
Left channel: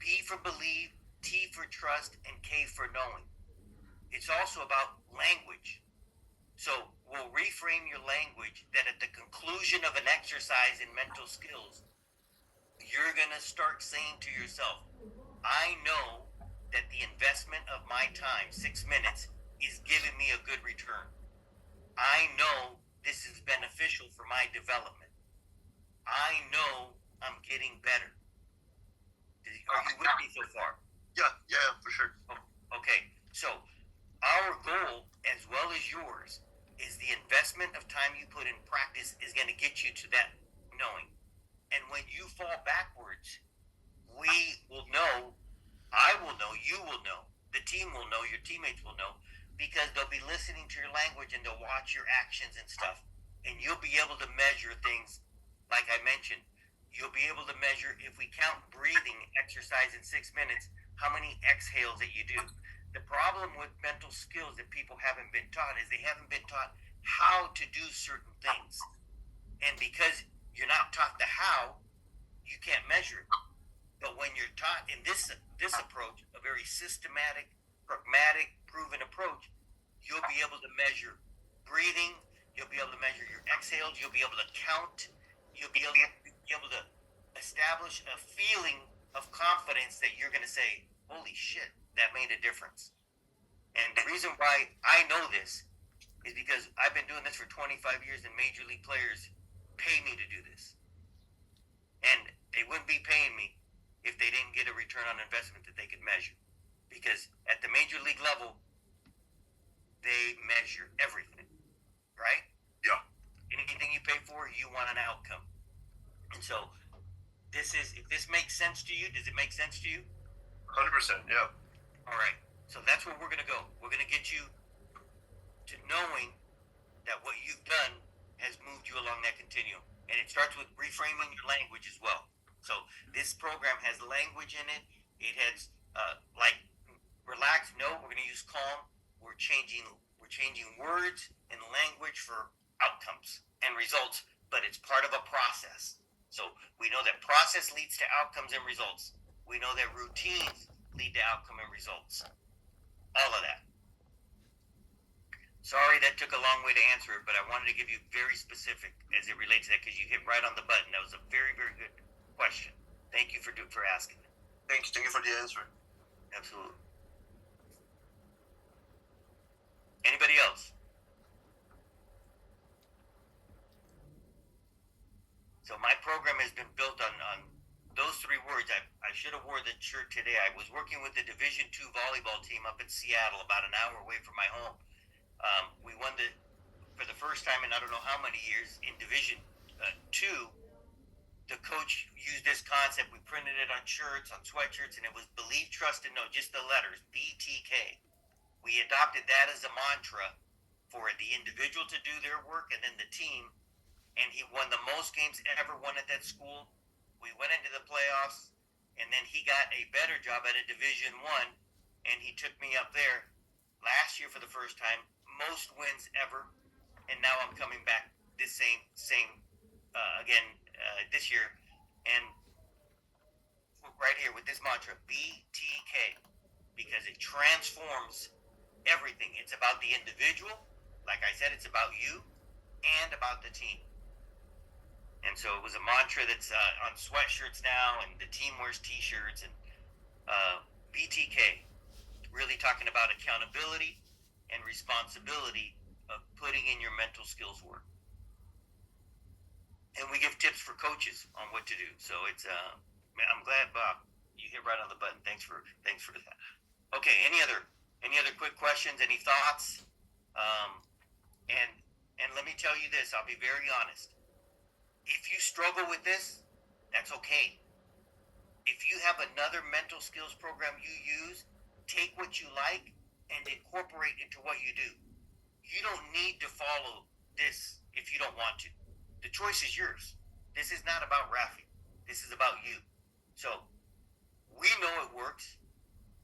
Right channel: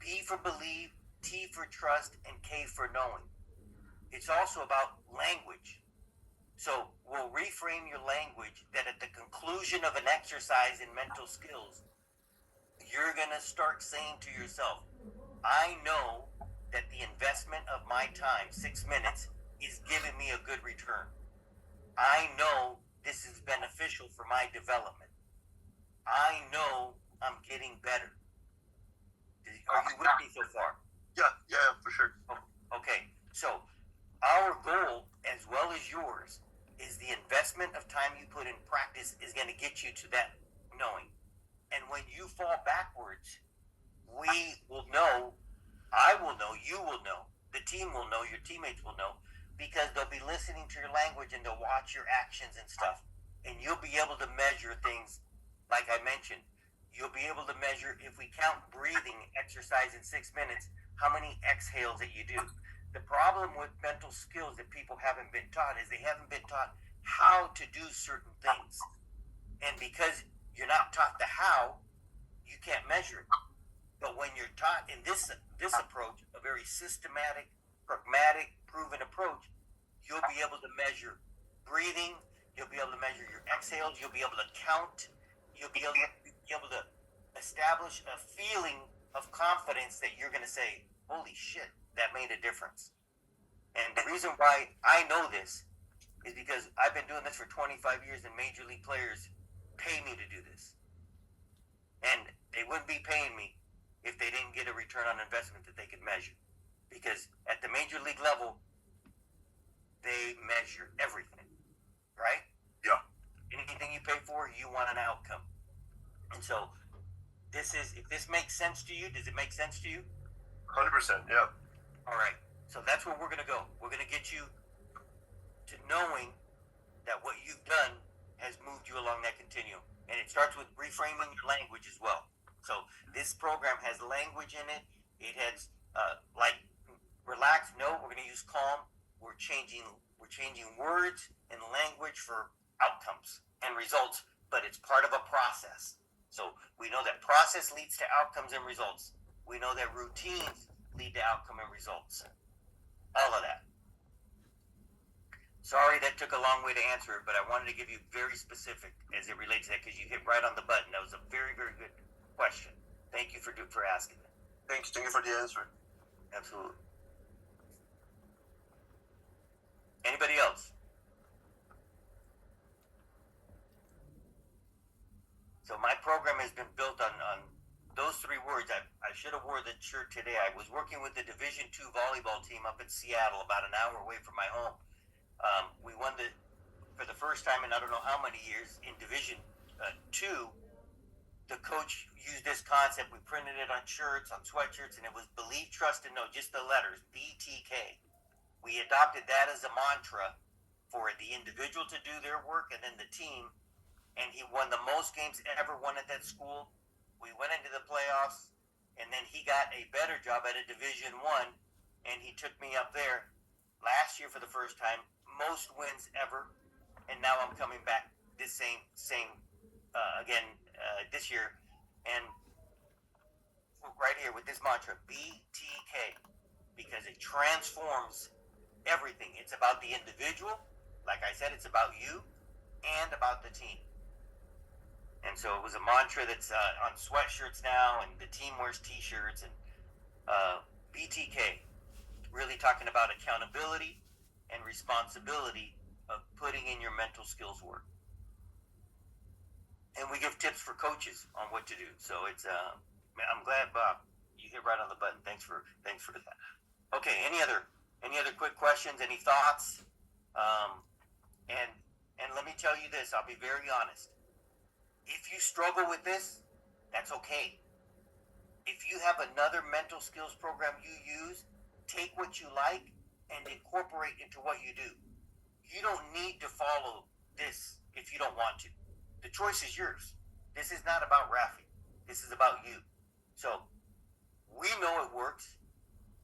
B for believe, T for trust, and K for knowing. It's also about language. So we'll reframe your language that at the conclusion of an exercise in mental skills, you're going to start saying to yourself, I know that the investment of my time, 6 minutes, is giving me a good return. I know this is beneficial for my development. I know I'm getting better. Are you with me so far? Yeah, for sure. Okay, so our goal, as well as yours, is the investment of time you put in practice is going to get you to that knowing. And when you fall backwards, we will know, I will know, you will know, the team will know, your teammates will know, because they'll be listening to your language and they'll watch your actions and stuff. And you'll be able to measure things, like I mentioned. You'll be able to measure, if we count breathing exercise in 6 minutes, how many exhales that you do. The problem with mental skills that people haven't been taught is they haven't been taught how to do certain things. And because you're not taught the how, you can't measure it. But when you're taught in this approach, a very systematic, pragmatic, proven approach, you'll be able to measure breathing, you'll be able to measure your exhales, you'll be able to count, you'll be able to establish a feeling of confidence that you're going to say, holy shit, that made a difference. And the reason why I know this is because I've been doing this for 25 years and major league players pay me to do this. And they wouldn't be paying me if they didn't get a return on investment that they could measure. Because at the major league level, they measure everything, right? Yeah. Anything you pay for, you want an outcome. And so if this makes sense to you, does it make sense to you? 100%, yeah. All right. So that's where we're going to go. We're going to get you to knowing that what you've done has moved you along that continuum. And it starts with reframing your language as well. So this program has language in it. It has like relax, no, we're going to use calm. We're changing words and language for outcomes and results, but it's part of a process. So we know that process leads to outcomes and results. We know that routines lead to outcome and results. All of that. Sorry that took a long way to answer it, but I wanted to give you very specific as it relates to that because you hit right on the button. That was a very, very good question. Thank you for asking it. Thank you for the answer. Absolutely. Anybody else? So my program has been built on those three words. I should have wore the shirt today. I was working with the Division II volleyball team up in Seattle, about an hour away from my home. We won for the first time in I don't know how many years in Division II. The coach used this concept. We printed it on shirts, on sweatshirts, and it was believe, trust, and know, just the letters, BTK. We adopted that as a mantra for the individual to do their work and then the team. And he won the most games ever won at that school. We went into the playoffs, and then he got a better job at a Division I, and he took me up there last year for the first time, most wins ever, and now I'm coming back this same again this year, and right here with this mantra, BTK, because it transforms everything. It's about the individual, like I said, it's about you, and about the team. And so it was a mantra that's on sweatshirts now, and the team wears T-shirts, and BTK, really talking about accountability and responsibility of putting in your mental skills work. And we give tips for coaches on what to do. So it's I'm glad, Bob, you hit right on the button. Thanks for that. Okay, any other quick questions? Any thoughts? And let me tell you this. I'll be very honest. If you struggle with this, that's okay. If you have another mental skills program you use, take what you like and incorporate into what you do. You don't need to follow this if you don't want to. The choice is yours. This is not about Rafi. This is about you. So we know it works.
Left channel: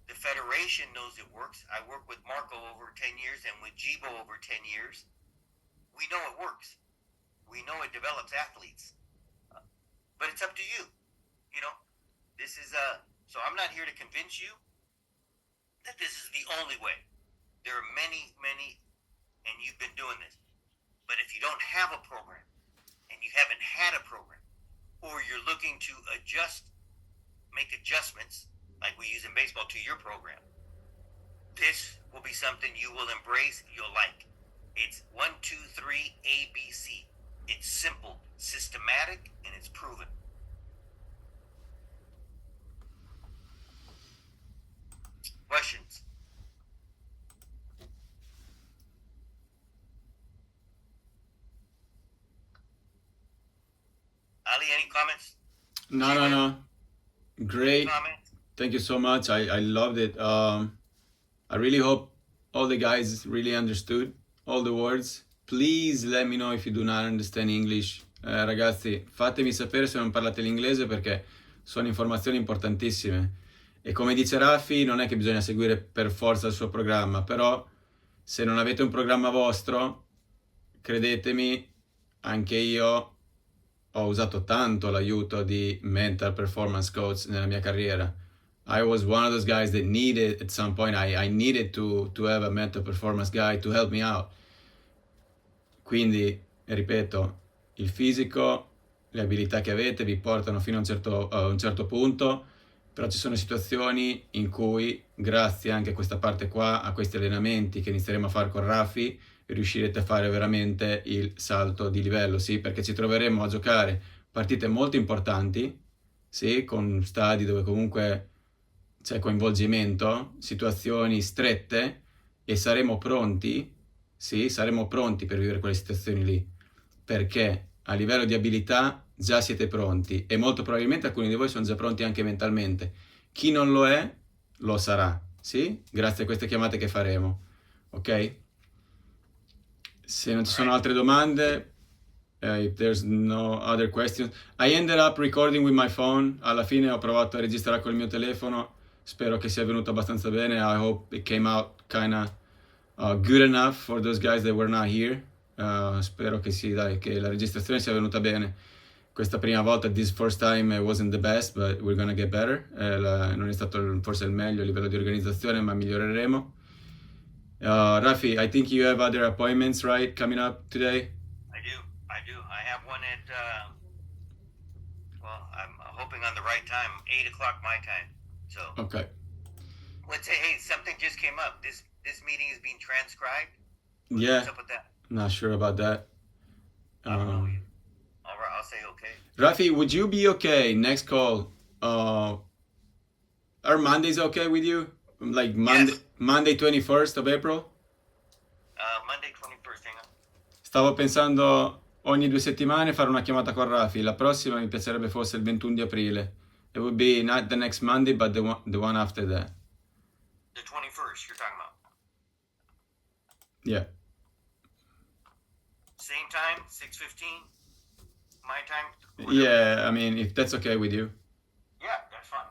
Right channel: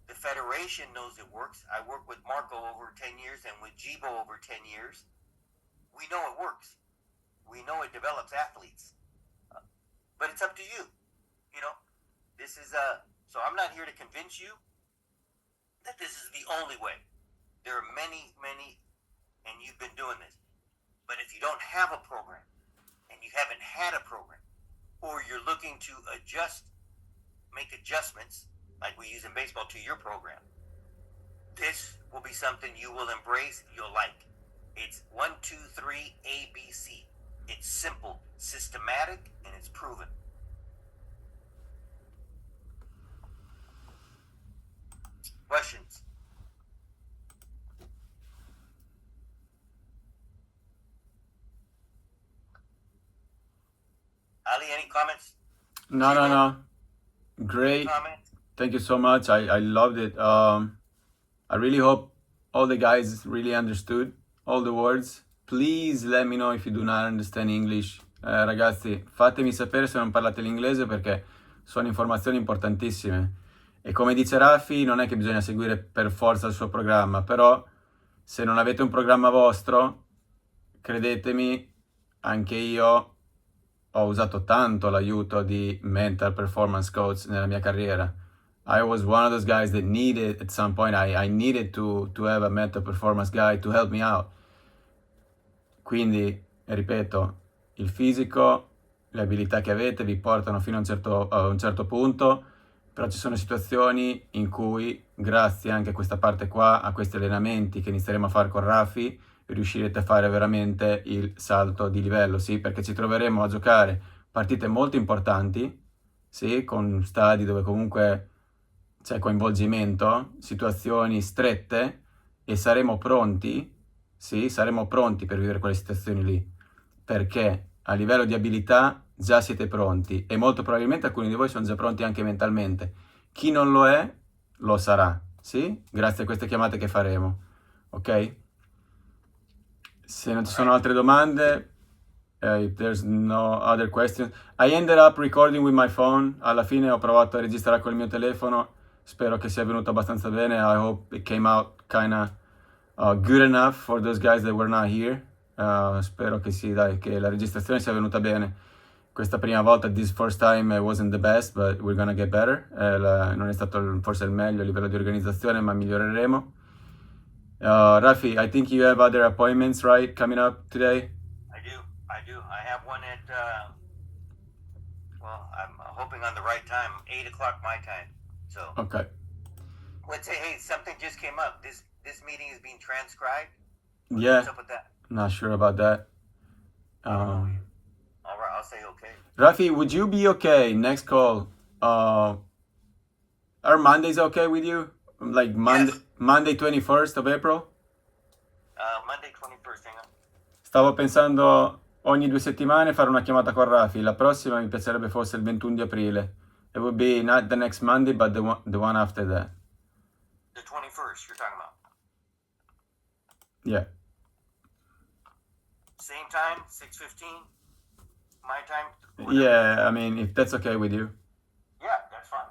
The Federation knows it works. I worked with Marco over 10 years and with Jibo over 10 years. We know it works. We know it develops athletes. But it's up to you. You know, this is so I'm not here to convince you that this is the only way. There are many, and you've been doing this. But if you don't have a program, and you haven't had a program, or you're looking to make adjustments, like we use in baseball, to your program, this will be something you will embrace, you'll like. It's 1, 2, 3, ABC. It's simple, systematic, and it's proven. Questions? Ali, any comments? No. Great. Comments? Thank you so much. I loved it. I really hope all the guys really understood all the words. Please let me know if you do not understand English. Ragazzi, fatemi sapere se non parlate l'inglese perché sono informazioni importantissime. E come dice Raffi, non è che bisogna seguire per forza il suo programma, però se non avete un programma vostro, credetemi, anche io ho usato tanto l'aiuto di mental performance coach nella mia carriera. I was one of those guys that needed, at some point, I needed to have a mental performance guy to help me out. Quindi, ripeto, il fisico, le abilità che avete vi portano fino a un certo punto, però ci sono situazioni in cui, grazie anche a questa parte qua, a questi allenamenti che inizieremo a fare con Raffi, riuscirete a fare veramente il salto di livello, sì, perché ci troveremo a giocare partite molto importanti, sì, con stadi dove comunque c'è coinvolgimento, situazioni strette, e saremo pronti, sì, saremo pronti per vivere quelle situazioni lì, perché a livello di abilità già siete pronti e molto probabilmente alcuni di voi sono già pronti anche mentalmente. Chi non lo è, lo sarà, sì? Grazie a queste chiamate che faremo, ok? Se non ci sono altre domande, if there's no other questions, I ended up recording with my phone. Alla fine ho provato a registrare col mio telefono, spero che sia venuto abbastanza bene. I hope it came out kinda good enough for those guys that were not here. Spero che sì, dai, che la registrazione sia venuta bene. Questa prima volta, this first time wasn't the best, but we're gonna get better. Non è stato forse il meglio a livello di organizzazione, ma miglioreremo. Rafi, I think you have other appointments, right, coming up today? I do. I have one at, well, I'm hoping on the right time, 8 o'clock my time. So Okay. let's say, hey, something just came up. This meeting is being transcribed. Yeah, What's up with that? not sure about that. I don't know. All right, I'll say okay. Rafi, would you be okay next call? Are Mondays okay with you? Like Yes. Monday 21st of April? Monday 21st, hang on. Stavo pensando ogni 2 settimane fare una chiamata con Rafi. La prossima mi piacerebbe fosse il 21 di aprile. It would be not the next Monday, but the one after that. The 21st, you're talking about. Yeah. Same time, 6:15, my time. Yeah, I mean, if that's okay with you. Yeah, that's fine.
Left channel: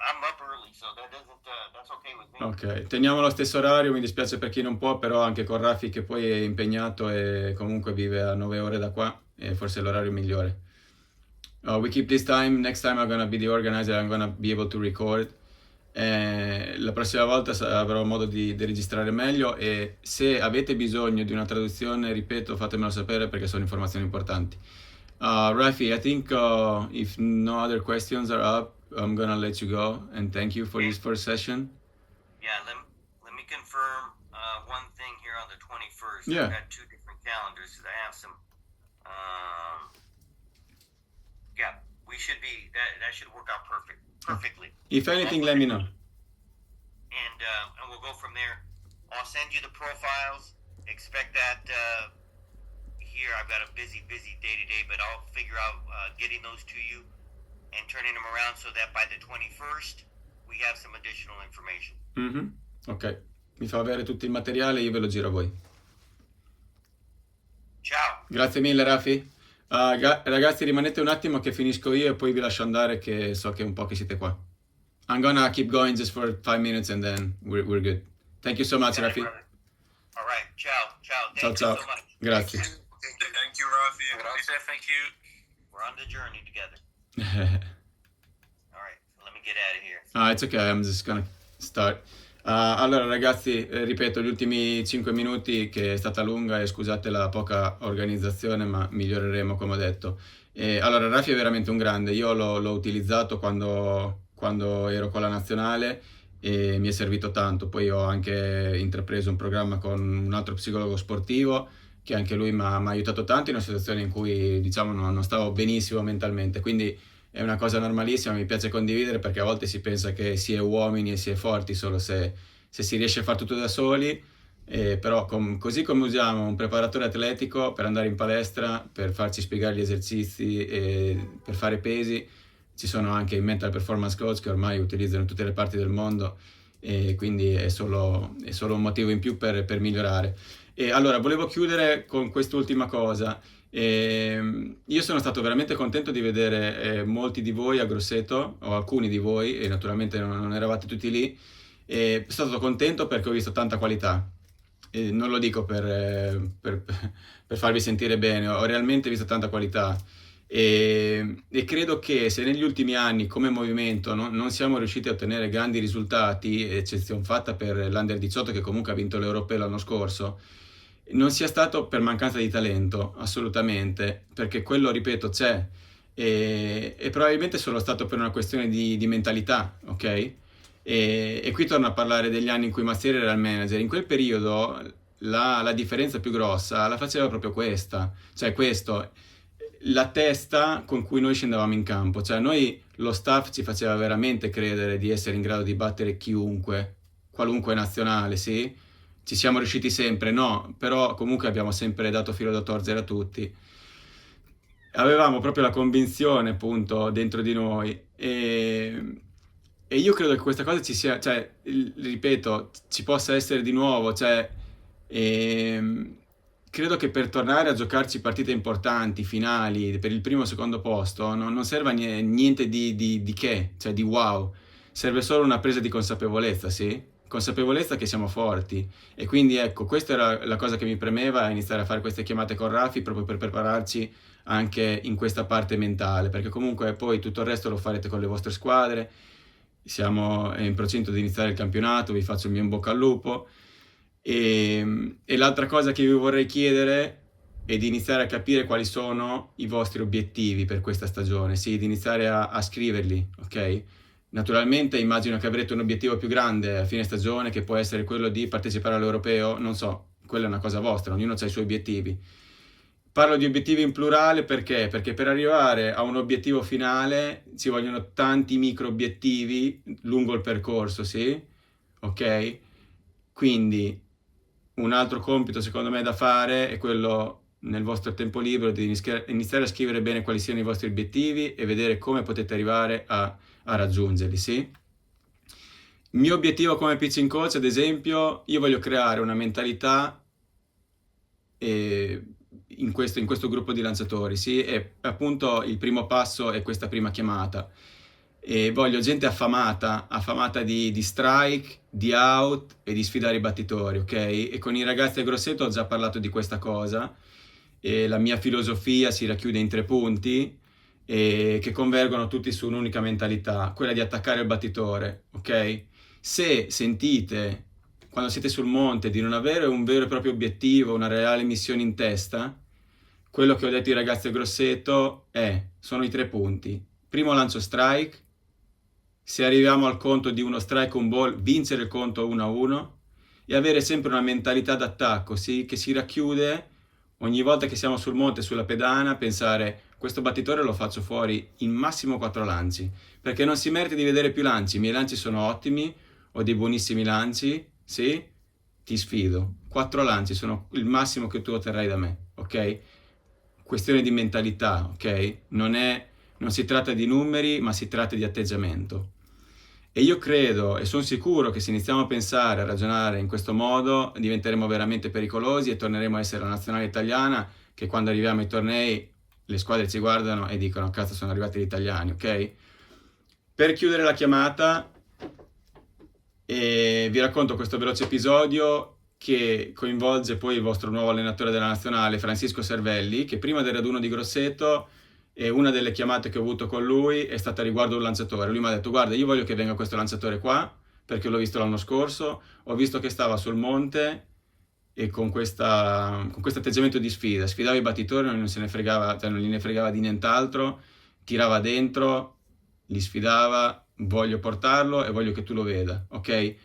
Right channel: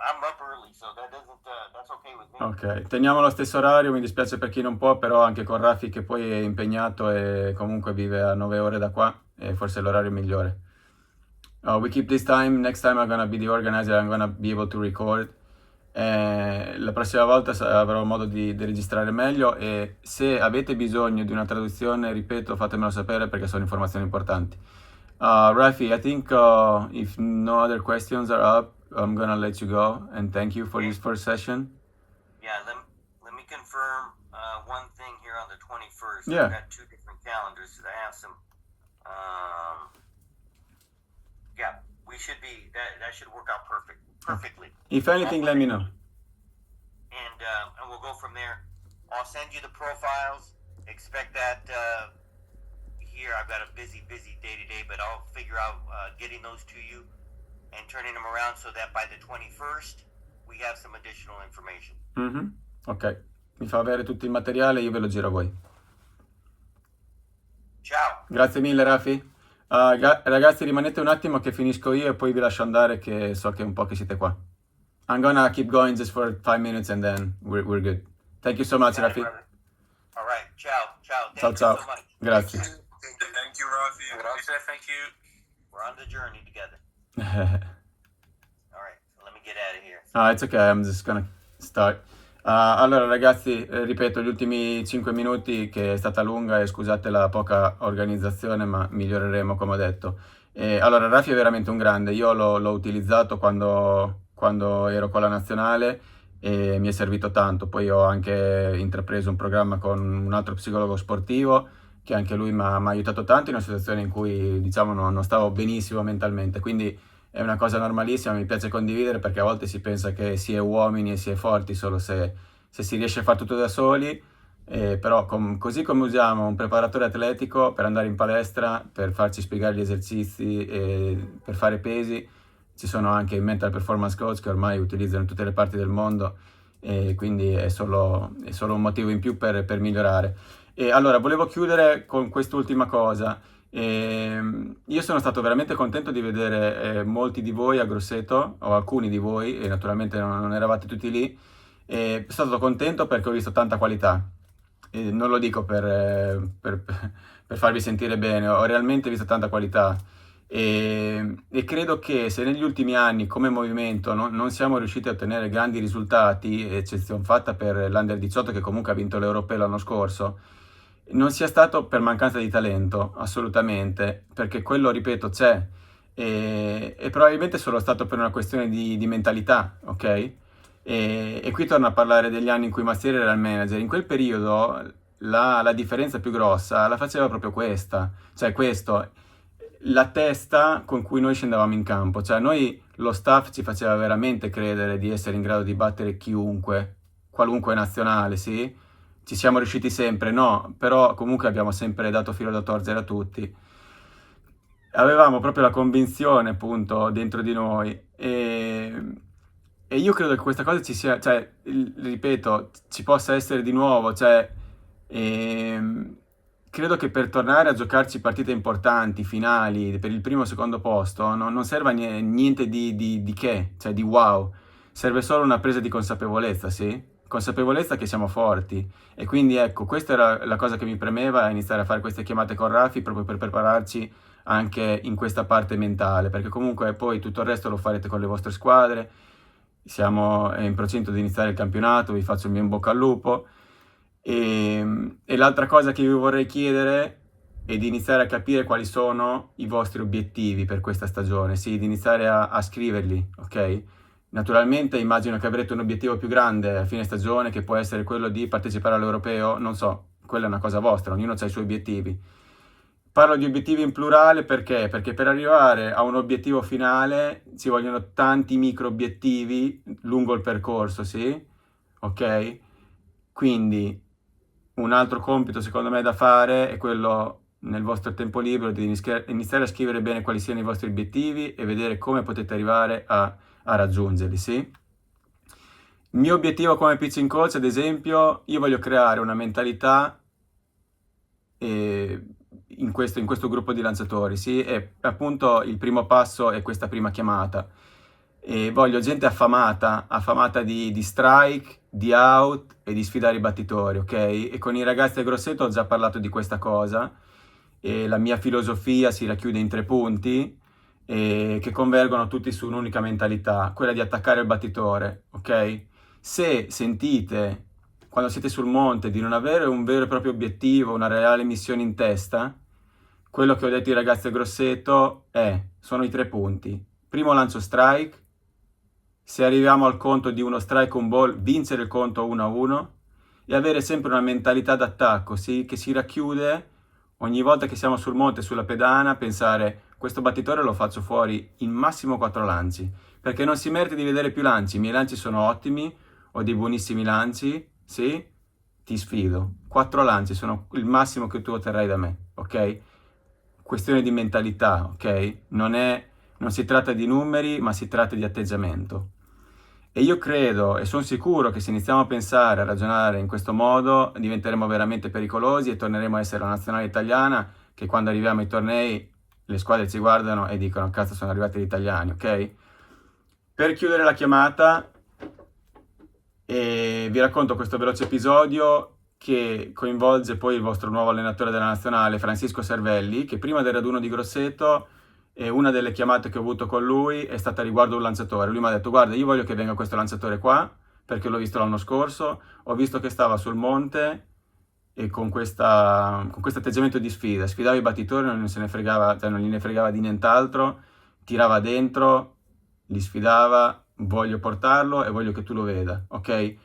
I'm up early, so that doesn't. That's okay with me. Ok, teniamo lo stesso orario, mi dispiace per chi non può, però anche con Rafi che poi è impegnato e comunque vive a 9 ore da qua, e forse è l'orario migliore. We keep this time, next time I'm gonna be the organizer, I'm gonna be able to record. La prossima volta avrò modo di registrare meglio, e se avete bisogno di una traduzione, ripeto, fatemelo sapere perché sono informazioni importanti. Rafi, I think if no other questions are up, I'm gonna let you go and thank you for this first session. Yeah, let me confirm one thing here on the 21st. Yeah. I've got two different calendars. I have some. Yeah, we should be. That should work out perfectly. If anything, let me know. And we'll go from there. I'll send you the profiles. Expect that here. I've got a busy day today, but I'll figure out getting those to you and turning them around so that by the 21st we have some additional information. Ok, mi fa avere tutto il materiale e io ve lo giro a voi. Ciao. Grazie mille Rafi. Ragazzi, rimanete un attimo che finisco io e poi vi lascio andare, che so che è un po' che siete qua. I'm gonna keep going just for 5 minutes and then we're good. Thank you so much, Got it, Rafi. brother. All right, ciao. Ciao Thank ciao. you so much. Grazie. Thank you, Rafi. Grazie, thank you. We're on the journey together. All right, so let me get out of here. It's okay, I'm just gonna start. Allora ragazzi, ripeto, gli ultimi 5 minuti, che è stata lunga, e scusate la poca organizzazione, ma miglioreremo come ho detto. Allora, Rafi è veramente un grande, io l'ho utilizzato quando ero con la nazionale e mi è servito tanto. Poi ho anche intrapreso un programma con un altro psicologo sportivo, che anche lui mi ha aiutato tanto in una situazione in cui, diciamo, non stavo benissimo mentalmente, quindi è una cosa normalissima, mi piace condividere, perché a volte si pensa che si è uomini e si è forti solo se si riesce a fare tutto da soli, però così come usiamo un preparatore atletico per andare in palestra, per farci spiegare gli esercizi e per fare pesi, ci sono anche i mental performance coach che ormai utilizzano in tutte le parti del mondo, e quindi è solo un motivo in più per migliorare. E allora, volevo chiudere con quest'ultima cosa. Io sono stato veramente contento di vedere molti di voi a Grosseto, o alcuni di voi, e naturalmente non eravate tutti lì. Sono stato contento perché ho visto tanta qualità. Non lo dico per farvi sentire bene, ho realmente visto tanta qualità. E credo che se negli ultimi anni come movimento non siamo riusciti a ottenere grandi risultati, eccezione fatta per l'Under 18 che comunque ha vinto l'Europeo l'anno scorso, non sia stato per mancanza di talento, assolutamente, perché quello, ripeto, c'è, e probabilmente è solo stato per una questione di mentalità, ok? E qui torno a parlare degli anni in cui Mastieri era il manager. In quel periodo la differenza più grossa la faceva proprio questa, cioè questo, la testa con cui noi scendevamo in campo, cioè noi, lo staff ci faceva veramente credere di essere in grado di battere chiunque, qualunque nazionale, sì? Ci siamo riusciti sempre? No, però comunque abbiamo sempre dato filo da torcere a tutti. Avevamo proprio la convinzione, appunto, dentro di noi, e io credo che questa cosa ci sia, cioè, ripeto, ci possa essere di nuovo, cioè, credo che per tornare a giocarci partite importanti, finali, per il primo o secondo posto, non serva niente di che, cioè di wow, serve solo una presa di consapevolezza, sì? Consapevolezza che siamo forti. E quindi ecco, questa era la cosa che mi premeva, iniziare a fare queste chiamate con Rafi, proprio per prepararci anche in questa parte mentale, perché comunque poi tutto il resto lo farete con le vostre squadre. Siamo in procinto di iniziare il campionato, vi faccio il mio in bocca al lupo, E l'altra cosa che vi vorrei chiedere è di iniziare a capire quali sono i vostri obiettivi per questa stagione, sì, di iniziare a scriverli, ok? Naturalmente immagino che avrete un obiettivo più grande a fine stagione, che può essere quello di partecipare all'Europeo, non so, quella è una cosa vostra, ognuno ha i suoi obiettivi. Parlo di obiettivi in plurale perché? Perché per arrivare a un obiettivo finale ci vogliono tanti micro obiettivi lungo il percorso, sì? Ok? Quindi un altro compito secondo me da fare è quello nel vostro tempo libero di iniziare a scrivere bene quali siano i vostri obiettivi e vedere come potete arrivare a raggiungerli, sì? Il mio obiettivo come pitching coach, ad esempio, io voglio creare una mentalità in questo gruppo di lanciatori, sì? E appunto il primo passo è questa prima chiamata. E voglio gente affamata di strike, di out e di sfidare i battitori, ok? E con i ragazzi del Grosseto ho già parlato di questa cosa. E la mia filosofia si racchiude in 3 punti che convergono tutti su un'unica mentalità, quella di attaccare il battitore, ok? Se sentite, quando siete sul monte, di non avere un vero e proprio obiettivo, una reale missione in testa, quello che ho detto ai ragazzi del Grosseto sono i 3 punti. Primo lancio strike, se arriviamo al conto di uno strike un ball, vincere il conto 1-1 e avere sempre una mentalità d'attacco, sì, che si racchiude ogni volta che siamo sul monte, sulla pedana, pensare questo battitore lo faccio fuori in massimo 4 lanci, perché non si merita di vedere più lanci, i miei lanci sono ottimi, ho dei buonissimi lanci, sì, ti sfido, 4 lanci sono il massimo che tu otterrai da me, ok? Questione di mentalità, ok? Non si tratta di numeri, ma si tratta di atteggiamento. E io credo e sono sicuro che se iniziamo a pensare, a ragionare in questo modo, diventeremo veramente pericolosi e torneremo a essere la nazionale italiana che quando arriviamo ai tornei le squadre ci guardano e dicono cazzo sono arrivati gli italiani, ok? Per chiudere la chiamata vi racconto questo veloce episodio che coinvolge poi il vostro nuovo allenatore della nazionale, Francisco Servelli, che prima del raduno di Grosseto una delle chiamate che ho avuto con lui è stata riguardo un lanciatore. Lui mi ha detto guarda io voglio che venga questo lanciatore qua perché l'ho visto l'anno scorso, ho visto che stava sul monte e con questo atteggiamento di sfida, sfidava i battitori, non se ne fregava, cioè non gliene fregava di nient'altro, tirava dentro, li sfidava, voglio portarlo e voglio che tu lo veda, ok?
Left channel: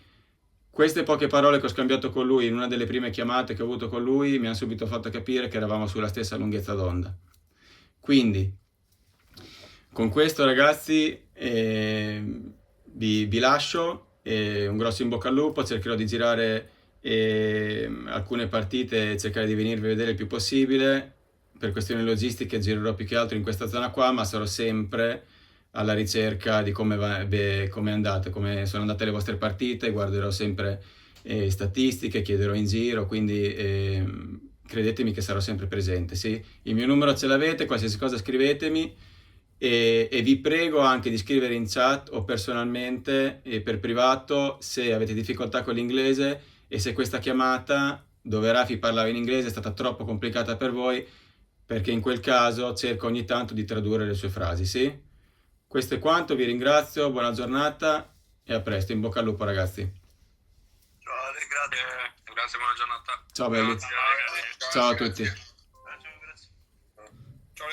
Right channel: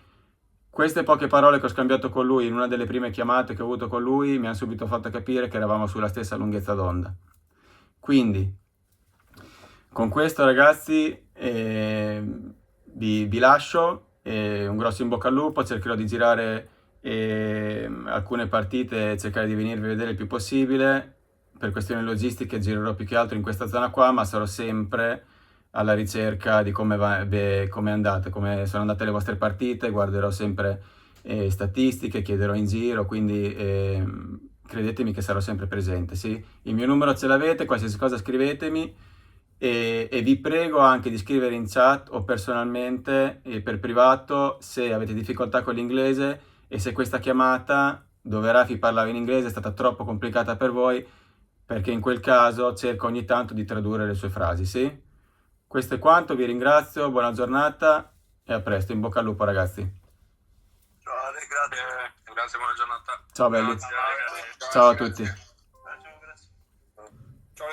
Queste poche parole che ho scambiato con lui in una delle prime chiamate che ho avuto con lui mi hanno subito fatto capire che eravamo sulla stessa lunghezza d'onda. Quindi, con questo ragazzi vi lascio, un grosso in bocca al lupo, cercherò di girare alcune partite e cercare di venirvi a vedere il più possibile. Per questioni logistiche girerò più che altro in questa zona qua, ma sarò sempre alla ricerca di come è andata, come sono andate le vostre partite, guarderò sempre statistiche, chiederò in giro, quindi credetemi che sarò sempre presente, sì? Il mio numero ce l'avete, qualsiasi cosa scrivetemi e vi prego anche di scrivere in chat o personalmente per privato se avete difficoltà con l'inglese e se questa chiamata dove Rafi parlava in inglese è stata troppo complicata per voi, perché in quel caso cerco ogni tanto di tradurre le sue frasi, sì? Questo è quanto, vi ringrazio, buona giornata e a presto, in bocca al lupo ragazzi. Ciao Ale, grazie. Grazie, buona giornata. Ciao belli, Grazie, Ale. ciao a tutti. Grazie, grazie. Ciao.